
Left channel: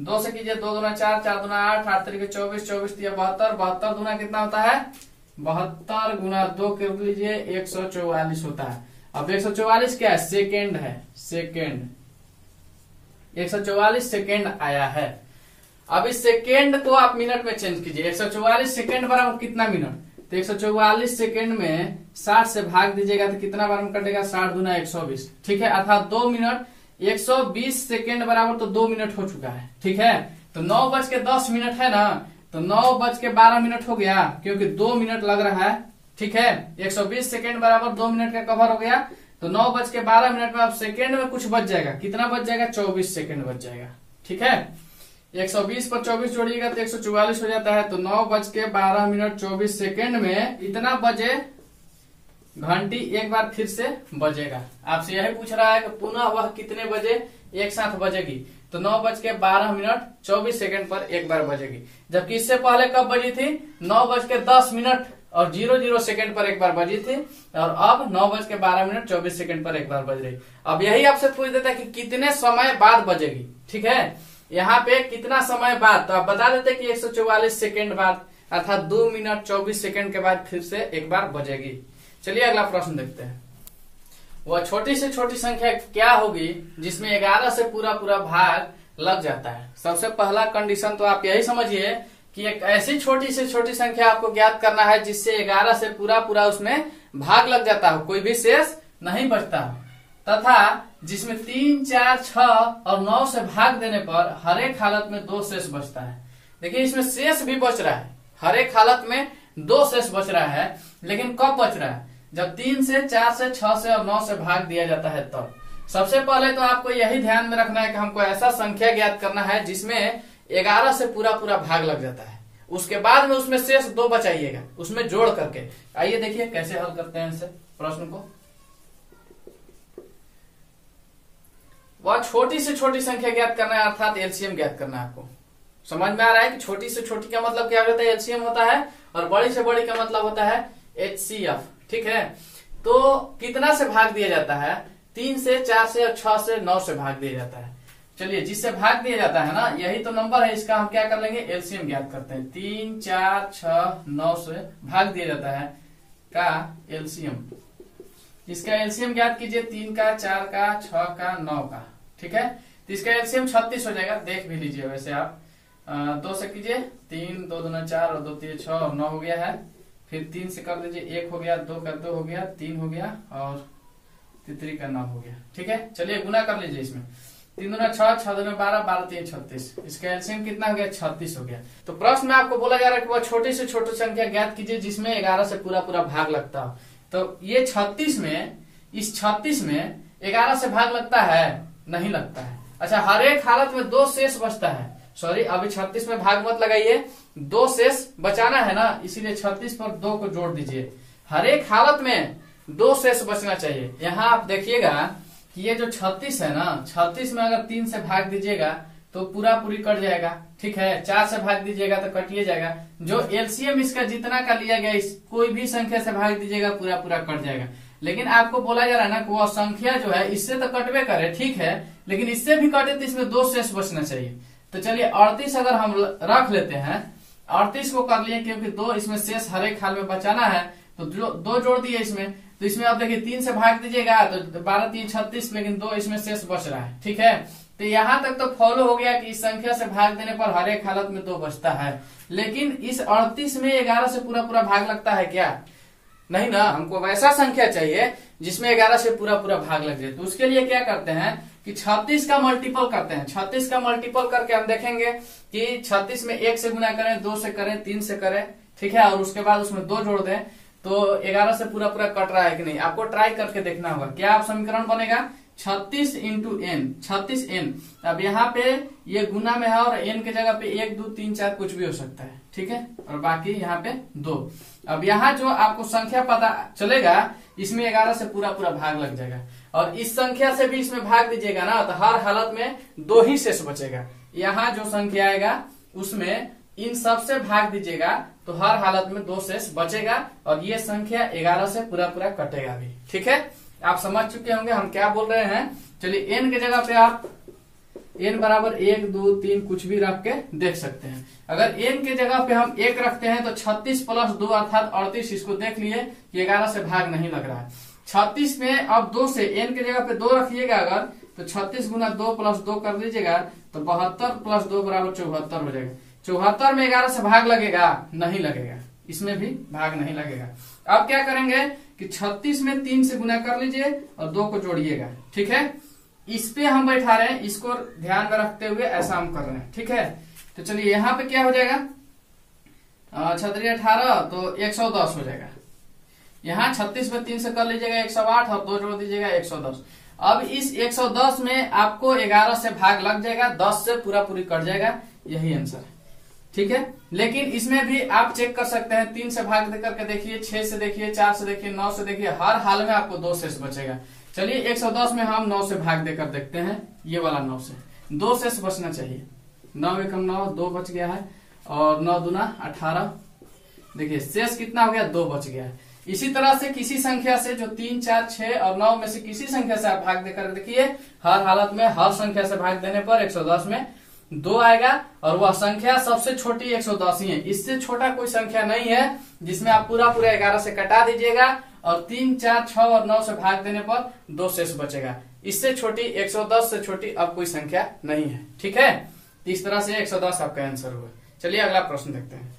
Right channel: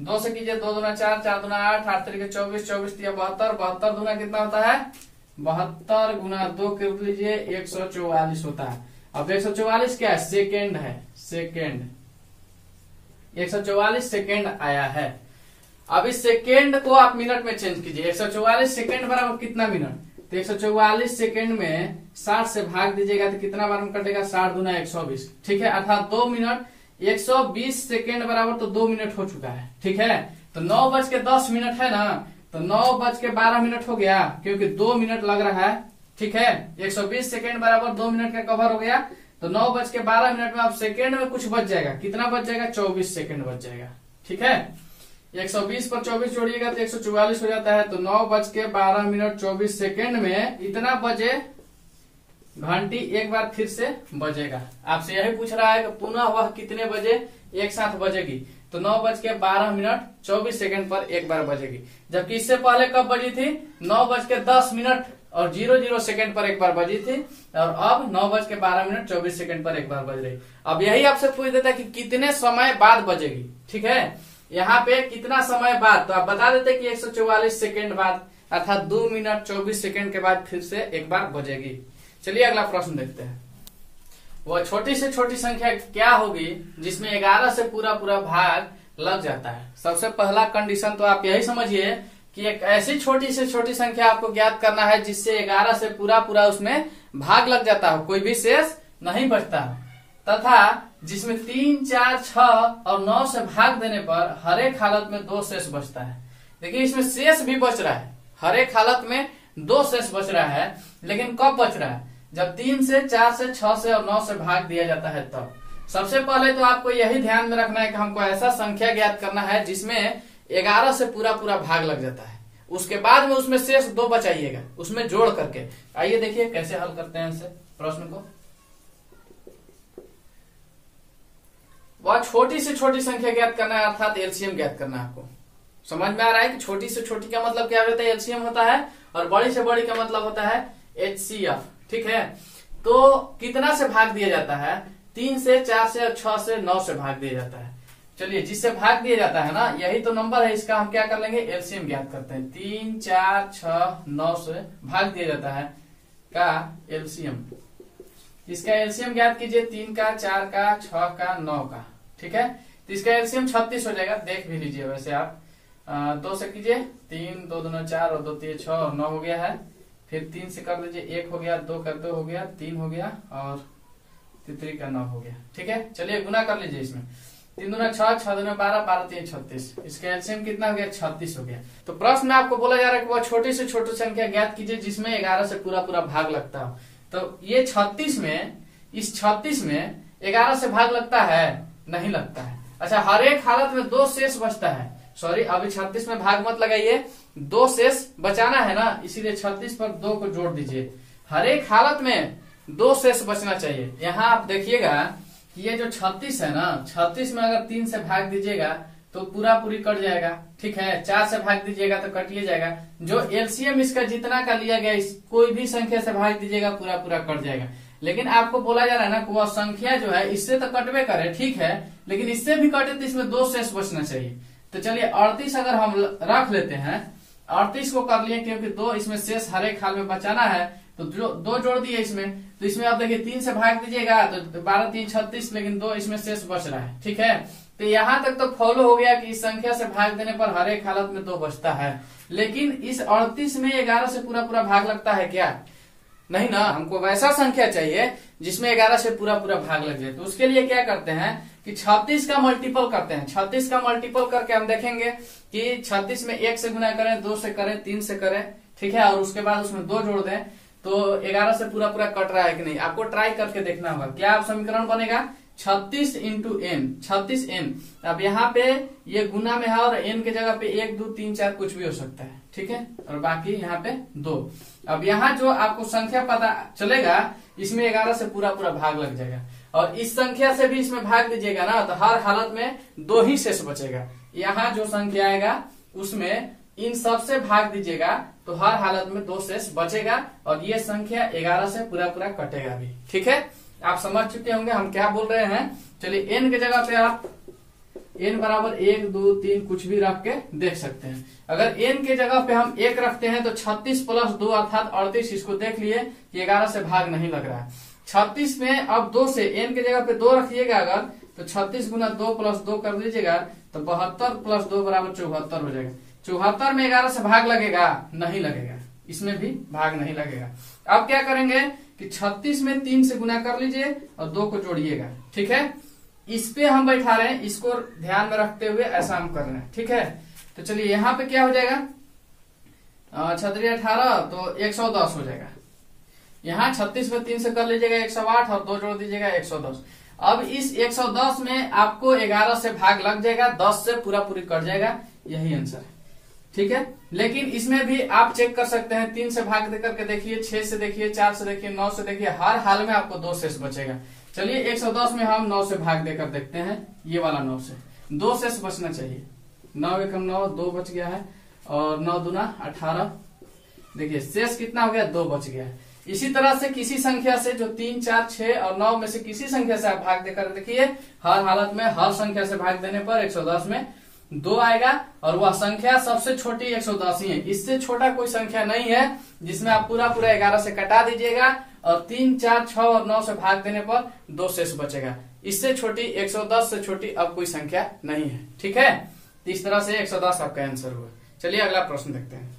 2 से कीजिए, 2 दूना 4, 4 दूना 8, 8 तरीके 24, 24 दिया 72, 72 दूना कितना होता है 72 गुना 2 कर लीजिए 144 होता है। अब 144 क्या है, सेकेंड है, सेकेंड 144 सेकेंड आया है। अब इस सेकेंड को आप मिनट में चेंज कीजिए। 144 सेकेंड बराबर कितना मिनट, तो 144 सेकेंड में 60 से भाग दीजिएगा तो कितना बार में कटेगा, 60 गुना 120। ठीक है, अर्थात 2 मिनट 120 सेकेंड बराबर तो 2 मिनट हो चुका है। ठीक है, तो 9:10 है ना, तो 9:12 हो गया, क्योंकि 2 मिनट लग रहा है। ठीक है, 120 सेकेंड बराबर 2 मिनट का कवर हो गया, तो 9:12 में अब सेकेंड में कुछ बच जाएगा, कितना बच जाएगा, 24 सेकेंड बच जाएगा। ठीक है, 120 पर 24 जोड़िएगा तो 144 हो जाता है। तो 9:12 24 सेकेंड में इतना बजे घंटी एक बार फिर से बजेगा। आपसे यही पूछ रहा है कि पुनः वह कितने बजे एक साथ बजेगी, तो 9:12 24 सेकेंड पर एक बार बजेगी। जबकि इससे पहले कब बजी थी, 9:10 और 00 सेकेंड पर एक बार बजी थी, और अब 9:12 24 सेकेंड पर एक बार बज रही। अब यही आपसे पूछ देता है कि कितने समय बाद बजेगी। ठीक है, यहाँ पे कितना समय बाद, तो आप बता देते कि 144 सेकेंड बाद, अर्थात 2 मिनट 24 सेकेंड के बाद फिर से एक बार बजेगी। चलिए अगला प्रश्न देखते हैं। वह छोटी से छोटी संख्या क्या होगी जिसमें 11 से पूरा भाग लग जाता है। सबसे पहला कंडीशन तो आप यही समझिए कि एक ऐसी छोटी से छोटी संख्या आपको ज्ञात करना है जिससे 11 से पूरा उसमें भाग लग जाता हो, कोई भी शेष नहीं बचता हो, तथा जिसमें 3, 4, 6 और 9 से भाग देने पर हर एक हालत में 2 शेष बचता है। देखिए इसमें शेष भी बच रहा है, हर एक हालत में 2 शेष बच रहा है, लेकिन कब बच रहा है, जब 3 से 4 से 6 से और 9 से भाग दिया जाता है तब। सबसे पहले तो आपको यही ध्यान में रखना है कि हमको ऐसा संख्या ज्ञात करना है जिसमें 11 से पूरा भाग लग जाता है। उसके बाद में उसमें शेष 2 बचाइएगा, उसमें जोड़ करके। आइए देखिए कैसे हल करते हैं इसे प्रश्न को। वह छोटी से छोटी संख्या ज्ञात करना है, अर्थात एलसीएम ज्ञात करना है। आपको समझ में आ रहा है कि छोटी से छोटी का मतलब क्या होता है, एलसीएम होता है, और बड़ी से बड़ी का मतलब होता है एचसीएफ। ठीक है, तो कितना से भाग दिया जाता है, 3 से 4 से और 6 से 9 से भाग दिया जाता है। चलिए जिससे भाग दिया जाता है ना, यही तो नंबर है, इसका हम क्या कर लेंगे, एलसीएम ज्ञात करते हैं। 3, 4, 6, 9 से भाग दिया जाता है का एलसीएम। इसका एलसीएम ज्ञात कीजिए, 3 का, 4 का, 6 का, 9 का। ठीक है, तो इसका एलसीएम 36 हो जाएगा, देख भी लीजिए वैसे आप। 2 से कीजिए, 3, 2 दूना 4 और 2 3 6 और 9 हो गया है। फिर 3 से कर दीजिए, 1 हो गया, 2 का 2 हो गया, 3 हो गया और 3 का 9 हो गया। ठीक है, चलिए गुना कर लीजिए इसमें। 3 दूना 6, 6 दूना 12, 12 3 36। इसका एलसीएम कितना हो गया, 36 हो गया। तो प्रश्न में आपको बोला जा रहा है कि वह छोटी से छोटी संख्या ज्ञात कीजिए जिसमें 11 से पूरा भाग लगता हो। तो ये 36 में, इस 36 में 11 से भाग लगता है, नहीं लगता है। अच्छा, हर एक हालत में 2 शेष बचता है। सॉरी, अभी 36 में भाग मत लगाइए, 2 शेष बचाना है ना, इसीलिए 36 पर 2 को जोड़ दीजिए। हर एक हालत में 2 शेष बचना चाहिए। यहाँ आप देखिएगा कि ये जो 36 है ना, 36 में अगर 3 से भाग दीजिएगा तो पूरी कट जाएगा। ठीक है, 4 से भाग दीजिएगा तो कटिए जाएगा। जो एलसीएम इसका जितना का लिया गया, कोई भी संख्या से भाग दीजिएगा पूरा कट जाएगा। लेकिन आपको बोला जा रहा है ना कि वह संख्या जो है इससे तो कटवे करे, ठीक है, लेकिन इससे भी कटे तो इसमें 2 शेष बचना चाहिए। तो चलिए 38 अगर हम रख लेते हैं, 38 को कर लिए, क्योंकि 2 इसमें शेष हर एक हाल में बचाना है, तो 2 जोड़ दिए इसमें। तो इसमें आप देखिए 3 से भाग दीजिएगा तो 12 3 36, लेकिन 2 इसमें शेष बच रहा है। ठीक है, तो यहाँ तक तो फॉलो हो गया कि इस संख्या से भाग देने पर हर एक हालत में 2 बचता है। लेकिन इस 38 में 11 से पूरा भाग लगता है क्या, नहीं ना। हमको वैसा संख्या चाहिए जिसमें 11 से पूरा भाग लग जाए। तो उसके लिए क्या करते हैं कि 36 का मल्टीपल करते हैं। 36 का मल्टीपल करके हम देखेंगे कि 36 में 1 से गुना करें, 2 से करें, 3 से करें। ठीक है, और उसके बाद उसमें 2 जोड़ दें तो 11 से पूरा पूरा कट रहा है कि नहीं, आपको ट्राई करके देखना होगा। क्या आप समीकरण बनेगा 36 इंटू एन, 36 एन। अब यहाँ पे ये गुना में है और एन के जगह पे 1 2 3 4 कुछ भी हो सकता है, ठीक है, और बाकी यहाँ पे 2। अब यहाँ जो आपको संख्या पता चलेगा इसमें 11 से पूरा पूरा भाग लग जाएगा, और इस संख्या से भी इसमें भाग दीजिएगा ना तो हर हालत में 2 ही शेष बचेगा। यहाँ जो संख्या आएगा उसमें इन सब से भाग दीजिएगा तो हर हालत में 2 शेष बचेगा, और ये संख्या 11 से पूरा पूरा कटेगा भी, ठीक है। आप समझ चुके होंगे हम क्या बोल रहे हैं। चलिए एन के जगह पे आप एन बराबर 1 2 3 कुछ भी रख के देख सकते हैं। अगर एन के जगह पे हम 1 रखते हैं तो 36 प्लस 2 अर्थात 38, इसको देख लिए कि 11 से भाग नहीं लग रहा है। 36 में अब 2 से एन के जगह पे 2 रखिएगा अगर, तो 36 गुना 2 प्लस 2 कर लीजिएगा तो 72 प्लस 2 बराबर 74 हो जाएगा। 74 में 11 से भाग लगेगा? नहीं लगेगा, इसमें भी भाग नहीं लगेगा। अब क्या करेंगे कि 36 में 3 से गुना कर लीजिए और 2 को जोड़िएगा, ठीक है। इस पे हम बैठा रहे हैं, इसको ध्यान में रखते हुए ऐसा हम कर रहे हैं, ठीक है। तो चलिए यहाँ पे क्या हो जाएगा, 18 तो 110 हो जाएगा। यहाँ 36 में 3 से कर लीजिएगा 108 और 2 जोड़ दीजिएगा 110। अब इस 110 में आपको 11 से भाग लग जाएगा, 10 से पूरा पूरी कट जाएगा, यही आंसर है, ठीक है। लेकिन इसमें भी आप चेक कर सकते हैं, 3 से भाग दे करके देखिए, 6 से देखिए, 4 से देखिए, 9 से देखिए, हर हाल में आपको 2 शेष बचेगा। चलिए 110 में हम 9 से भाग देकर देखते हैं, ये वाला 9 से 2 शेष बचना चाहिए। 9 एकम 9, 2 बच गया है, और 9 दूना 18, देखिए शेष कितना हो गया, 2 बच गया है। इसी तरह से किसी संख्या से जो 3 4 6 और 9 में से किसी संख्या से आप भाग देकर देखिए, हर हालत में हर संख्या से भाग देने पर 110 में 2 आएगा, और वह संख्या सबसे छोटी 110 ही है। इससे छोटा कोई संख्या नहीं है जिसमें आप पूरा पूरा 11 से कटा दीजिएगा और 3 4 6 और 9 से भाग देने पर 2 शेष बचेगा। इससे छोटी 110 से छोटी अब कोई संख्या नहीं है, ठीक है। इस तरह से 110 आपका आंसर हुआ। चलिए अगला प्रश्न देखते हैं।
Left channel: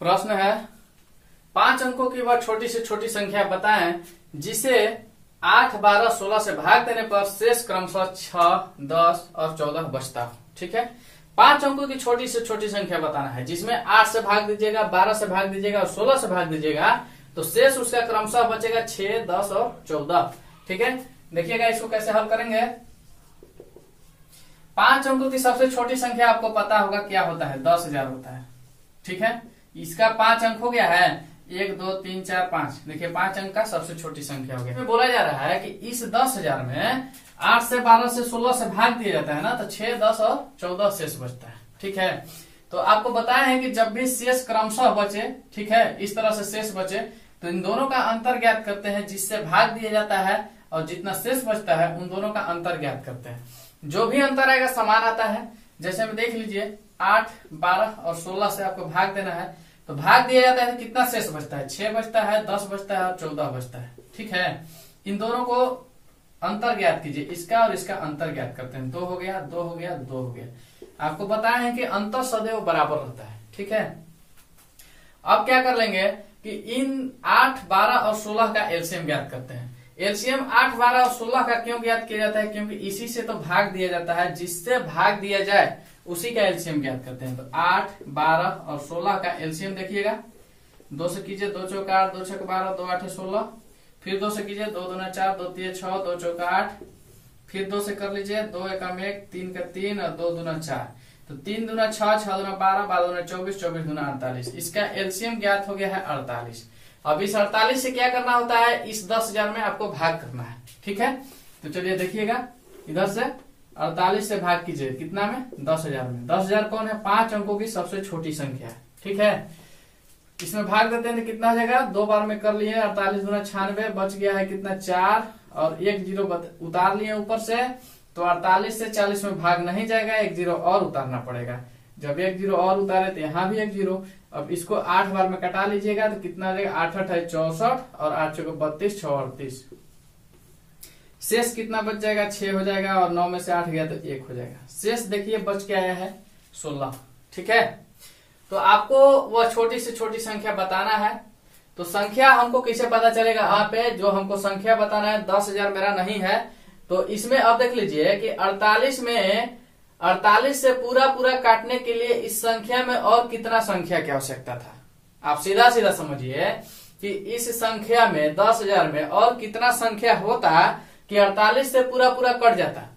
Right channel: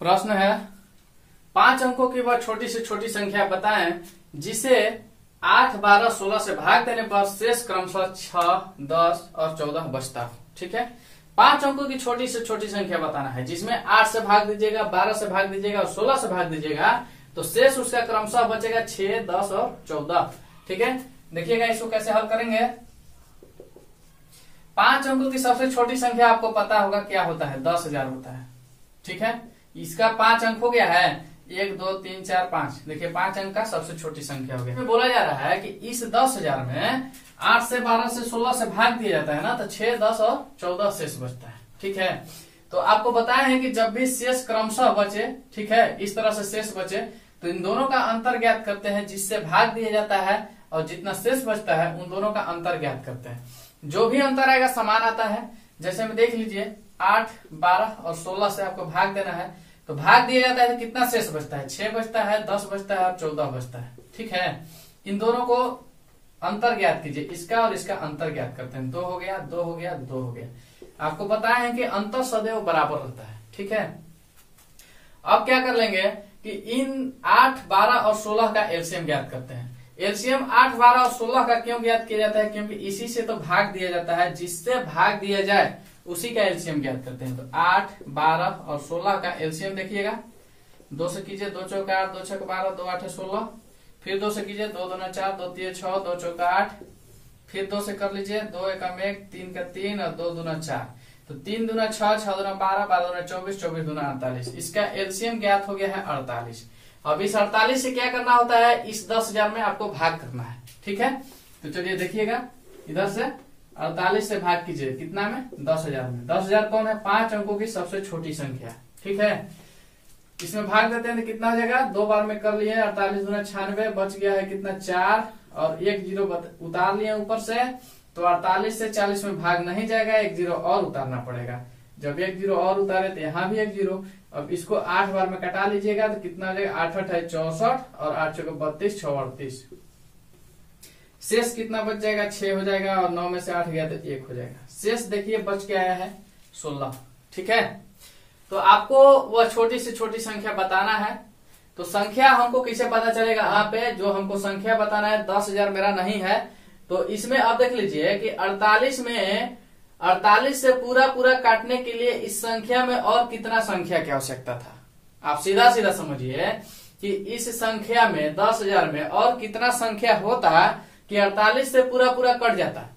प्रश्न है 5 अंकों की वह छोटी से छोटी संख्या बताएं जिसे 8 12 16 से भाग देने पर शेष क्रमशः 6 10 और 14 बचता हो, ठीक है। 5 अंकों की छोटी से छोटी संख्या बताना है जिसमें 8 से भाग दीजिएगा, 12 से भाग दीजिएगा और 16 से भाग दीजिएगा, तो शेष उसका क्रमशः बचेगा 6 10 और 14, ठीक है। देखिएगा इसको कैसे हल करेंगे। 5 अंकों की सबसे छोटी संख्या आपको पता होगा क्या होता है, 10,000 होता है, ठीक है। इसका 5 अंक हो गया है, 1 2 3 4 5, देखिए 5 अंक का सबसे छोटी संख्या हो गया। बोला जा रहा है कि इस 10,000 में 8 से 12 से 16 से भाग दिया जाता है ना, तो 6 10 और 14 शेष बचता है, ठीक है। तो आपको बताया है कि जब भी शेष क्रमशः बचे, ठीक है, इस तरह से शेष बचे तो इन दोनों का अंतर ज्ञात करते हैं, जिससे भाग दिया जाता है और जितना शेष बचता है उन दोनों का अंतर ज्ञात करते हैं। जो भी अंतर आएगा समान आता है। जैसे में देख लीजिए 8 12 और 16 से आपको भाग देना है, तो भाग दिया जाता है तो कितना शेष बचता है, 6 बचता है, 10 बचता है और 14 बचता है, ठीक है। इन दोनों को अंतर ज्ञात कीजिए, इसका और इसका अंतर ज्ञात करते हैं। 2 हो गया, 2 हो गया, 2 हो गया। आपको बताया है कि अंतर सदैव बराबर होता है, ठीक है। अब क्या कर लेंगे कि इन 8 12 और 16 का एलसीएम ज्ञात करते हैं। एलसीएम 8 12 और 16 का क्यों ज्ञात किया जाता है, क्योंकि इसी से तो भाग दिया जाता है, जिससे भाग दिया जाए उसी का एलसीएम ज्ञात करते हैं। तो 8 12 और 16 का एलसीएम देखिएगा, 2 से कीजिए 2 चौका 8, 2 छक 12, 2 8 16, फिर 2 से कीजिए 2 दूना 4, 2 3 6, 2 चौका 8, फिर 2 से कर लीजिए 2 एकम 1, 3 का 3 और 2 दूना 4, तो 3 दूना 6, 6 दूना 12, 12 दूना 24, 24 दूना 48। इसका एलसीएम ज्ञात हो गया है 48। अब इस 48 से क्या करना होता है, इस 10,000 में आपको भाग करना है, ठीक है। तो चलिए देखिएगा, इधर से 48 से भाग कीजिए, कितना में, 10,000 में। 10,000 कौन है, 5 अंकों की सबसे छोटी संख्या है, ठीक है। इसमें भाग देते हैं तो कितना हो जाएगा, 2 बार में कर लिए, 48 दूना 96, बच गया है कितना 4 और 1 जीरो उतार लिए ऊपर से, तो 48 से 40 में भाग नहीं जाएगा, 1 जीरो और उतारना पड़ेगा। जब 1 जीरो और उतारे तो यहाँ भी 1 जीरो। अब इसको 8 बार में कटा लीजिएगा तो कितना हो जाएगा, 8 8 है 64 और 8 चौको 32, 6 38। शेष कितना बच जाएगा, 6 हो जाएगा, और 9 में से 8 गया तो 1 हो जाएगा। शेष देखिए बच के आया है 16, ठीक है। तो आपको वह छोटी से छोटी संख्या बताना है। तो संख्या हमको कैसे पता चलेगा, यहाँ पे जो हमको संख्या बताना है 10,000 मेरा नहीं है, तो इसमें अब देख लीजिए कि 48 में 48 से पूरा पूरा काटने के लिए इस संख्या में और कितना संख्या की आवश्यकता था, आप सीधा सीधा समझिए कि इस संख्या में 10,000 में और कितना संख्या होता कि 48 से पूरा पूरा कट जाता।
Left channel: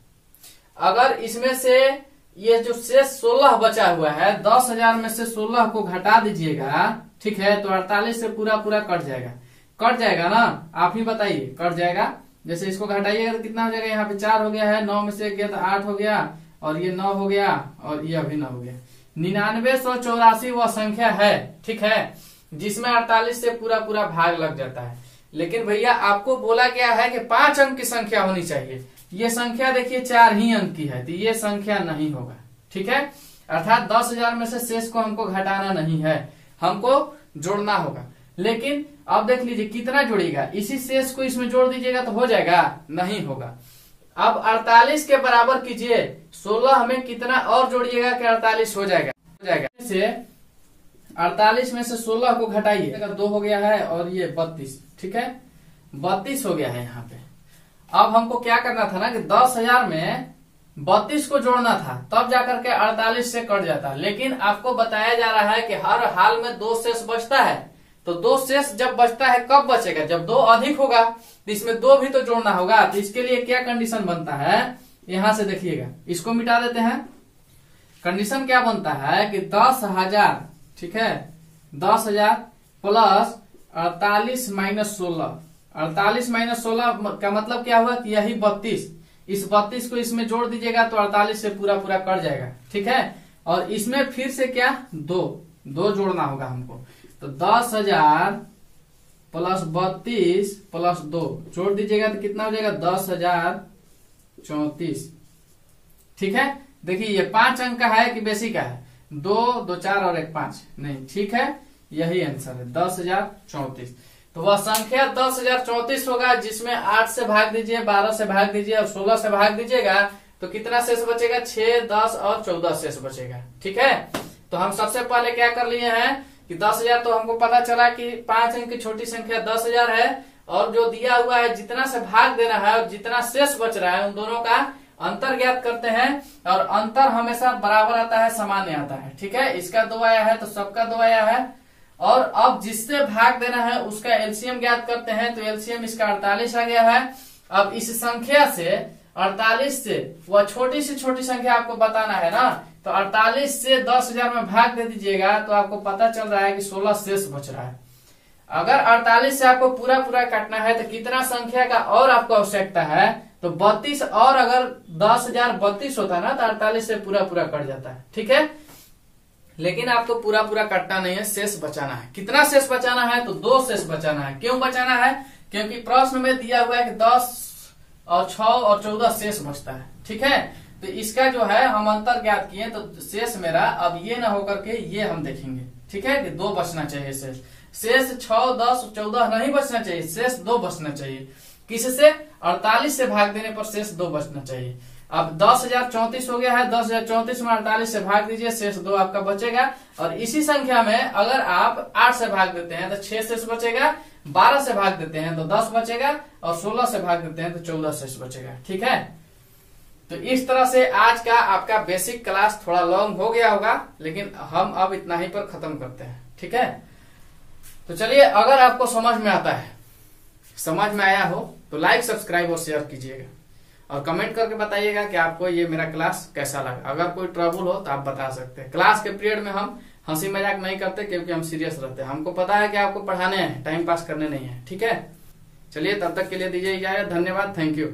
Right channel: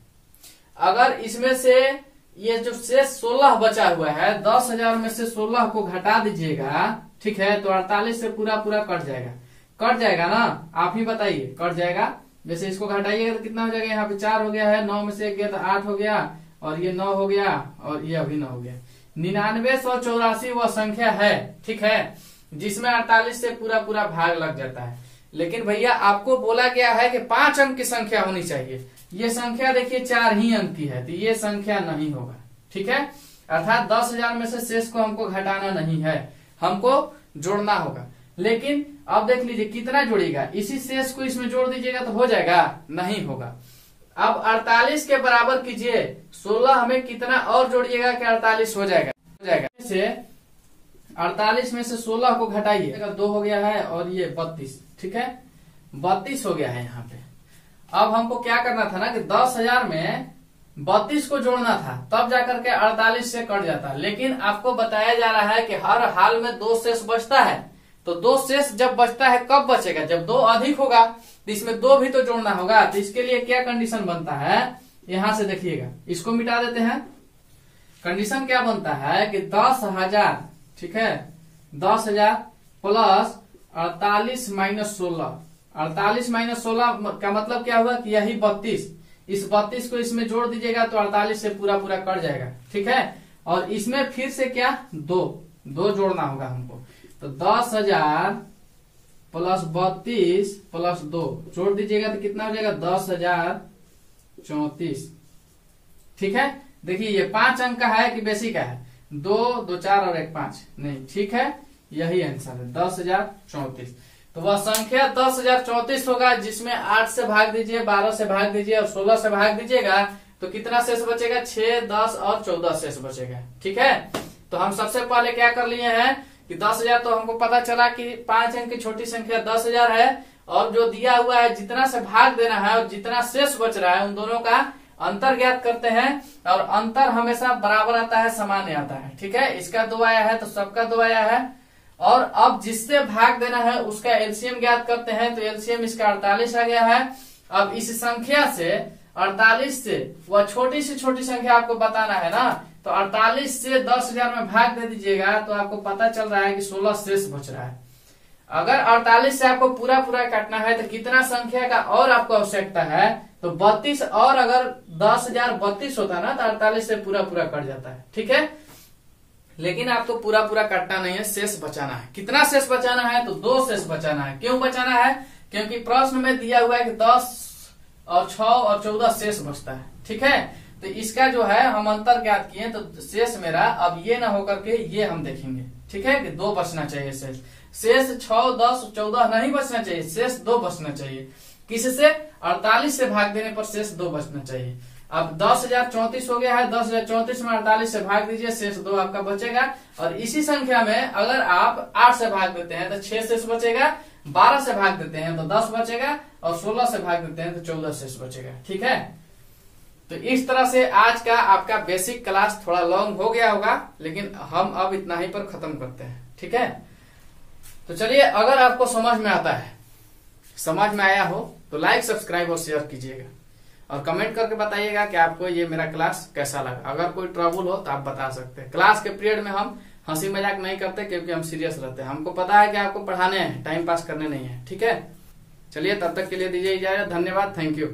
अगर इसमें से ये जो शेष 16 बचा हुआ है, 10,000 में से 16 को घटा दीजिएगा, ठीक है, तो 48 से पूरा पूरा कट जाएगा। कट जाएगा ना, आप ही बताइए, कट जाएगा। जैसे इसको घटाइएगा तो कितना हो जाएगा, यहाँ पे 4 हो गया है, 9 में से 1 गया तो 8 हो गया, और ये 9 हो गया, और ये अभी 9 हो गया। 9984 वह संख्या है, ठीक है, जिसमें 48 से पूरा पूरा भाग लग जाता है। लेकिन भैया आपको बोला गया है कि 5 अंक की संख्या होनी चाहिए। ये संख्या देखिए 4 ही अंक की है, तो ये संख्या नहीं होगा, ठीक है। अर्थात 10,000 में से शेष को हमको घटाना नहीं है, हमको जोड़ना होगा। लेकिन अब देख लीजिए कितना जोड़ेगा, इसी शेष को इसमें जोड़ दीजिएगा तो हो जाएगा, नहीं होगा। अब 48 के बराबर कीजिए, 16 में कितना और जोड़िएगा कि 48 हो जाएगा। से 48 में से 16 को घटाइए, 2 हो गया है, और ये 32, ठीक है, 32 हो गया है यहाँ पे। अब हमको क्या करना था ना कि 10,000 में 32 को जोड़ना था, तब जाकर के 48 से कट जाता। लेकिन आपको बताया जा रहा है कि हर हाल में 2 शेष बचता है। तो 2 शेष जब बचता है कब बचेगा, जब 2 अधिक होगा, तो इसमें 2 भी तो जोड़ना होगा। तो इसके लिए क्या कंडीशन बनता है, यहां से देखिएगा, इसको मिटा देते हैं। कंडीशन क्या बनता है कि 10,000, ठीक है, 10,000 प्लस 48 माइनस 16। 48 माइनस 16 का मतलब क्या हुआ कि यही 32। इस 32 को इसमें जोड़ दीजिएगा तो 48 से पूरा पूरा कट जाएगा, ठीक है। और इसमें फिर से क्या, 2 जोड़ना होगा हमको। तो 10,000 प्लस 32 प्लस 2 जोड़ दीजिएगा तो कितना हो जाएगा, 10,034, ठीक है। देखिए ये 5 अंक का है कि बेसी का है, 2, 2, 4 और 1, 5 नहीं, ठीक है, यही आंसर है 10,034। तो वह संख्या 10,034 होगा, जिसमें 8 से भाग दीजिए, 12 से भाग दीजिए और 16 से भाग दीजिएगा तो कितना शेष बचेगा, 6, 10 और 14 शेष बचेगा, ठीक है। तो हम सबसे पहले क्या कर लिए हैं कि 10,000 तो हमको पता चला कि 5 अंक की छोटी संख्या 10,000 है, और जो दिया हुआ है जितना से भाग देना है और जितना शेष बच रहा है उन दोनों का अंतर ज्ञात करते हैं। और अंतर हमेशा बराबर आता है, सामान्य आता है, ठीक है। इसका 2 आया है तो सबका 2 आया है। और अब जिससे भाग देना है उसका एलसीएम ज्ञात करते हैं, तो एलसीएम इसका 48 आ गया है। अब इस संख्या से 48 से वह छोटी से छोटी संख्या आपको बताना है ना, तो 48 से 10,000 में भाग दे दीजिएगा तो आपको पता चल रहा है कि 16 शेष बच रहा है। अगर 48 से आपको पूरा पूरा काटना है तो कितना संख्या का और आपको आवश्यकता है, तो 32, और अगर 10,032 होता ना तो 48 से पूरा पूरा कट जाता है, ठीक है। लेकिन आपको पूरा पूरा काटना नहीं है, शेष बचाना है। कितना शेष बचाना है, तो 2 शेष बचाना है। क्यों बचाना है, क्योंकि प्रश्न में दिया हुआ है कि 10 और 6 और 14 शेष बचता है, ठीक है। तो इसका जो है हम अंतर ज्ञात किए, तो शेष मेरा अब ये ना होकर के ये हम देखेंगे, ठीक है, कि 2 बचना चाहिए शेष। शेष 6, 10, 14 नहीं बचना चाहिए, शेष 2 बचना चाहिए। किससे, 48 से भाग देने पर शेष 2 बचना चाहिए। अब 10,034 हो गया है, 10,034 में 48 से भाग दीजिए, शेष 2 आपका बचेगा। और इसी संख्या में अगर आप 8 से भाग देते हैं तो 6 शेष बचेगा, 12 से भाग देते हैं तो 10 बचेगा, और 16 से भाग देते हैं तो 14 शेष बचेगा, ठीक है। तो इस तरह से आज का आपका बेसिक क्लास थोड़ा लॉन्ग हो गया होगा, लेकिन हम अब इतना ही पर खत्म करते हैं, ठीक है। तो चलिए, अगर आपको समझ में आता है, समझ में आया हो तो लाइक, सब्सक्राइब और शेयर कीजिएगा, और कमेंट करके बताइएगा कि आपको ये मेरा क्लास कैसा लगा। अगर कोई ट्रबल हो तो आप बता सकते हैं। क्लास के पीरियड में हम हंसी मजाक नहीं करते, क्योंकि हम सीरियस रहते हैं। हमको पता है कि आपको पढ़ाने हैं, टाइम पास करने नहीं है, ठीक है। चलिए, तब तक के लिए दीजिए इजाजत। धन्यवाद, थैंक यू।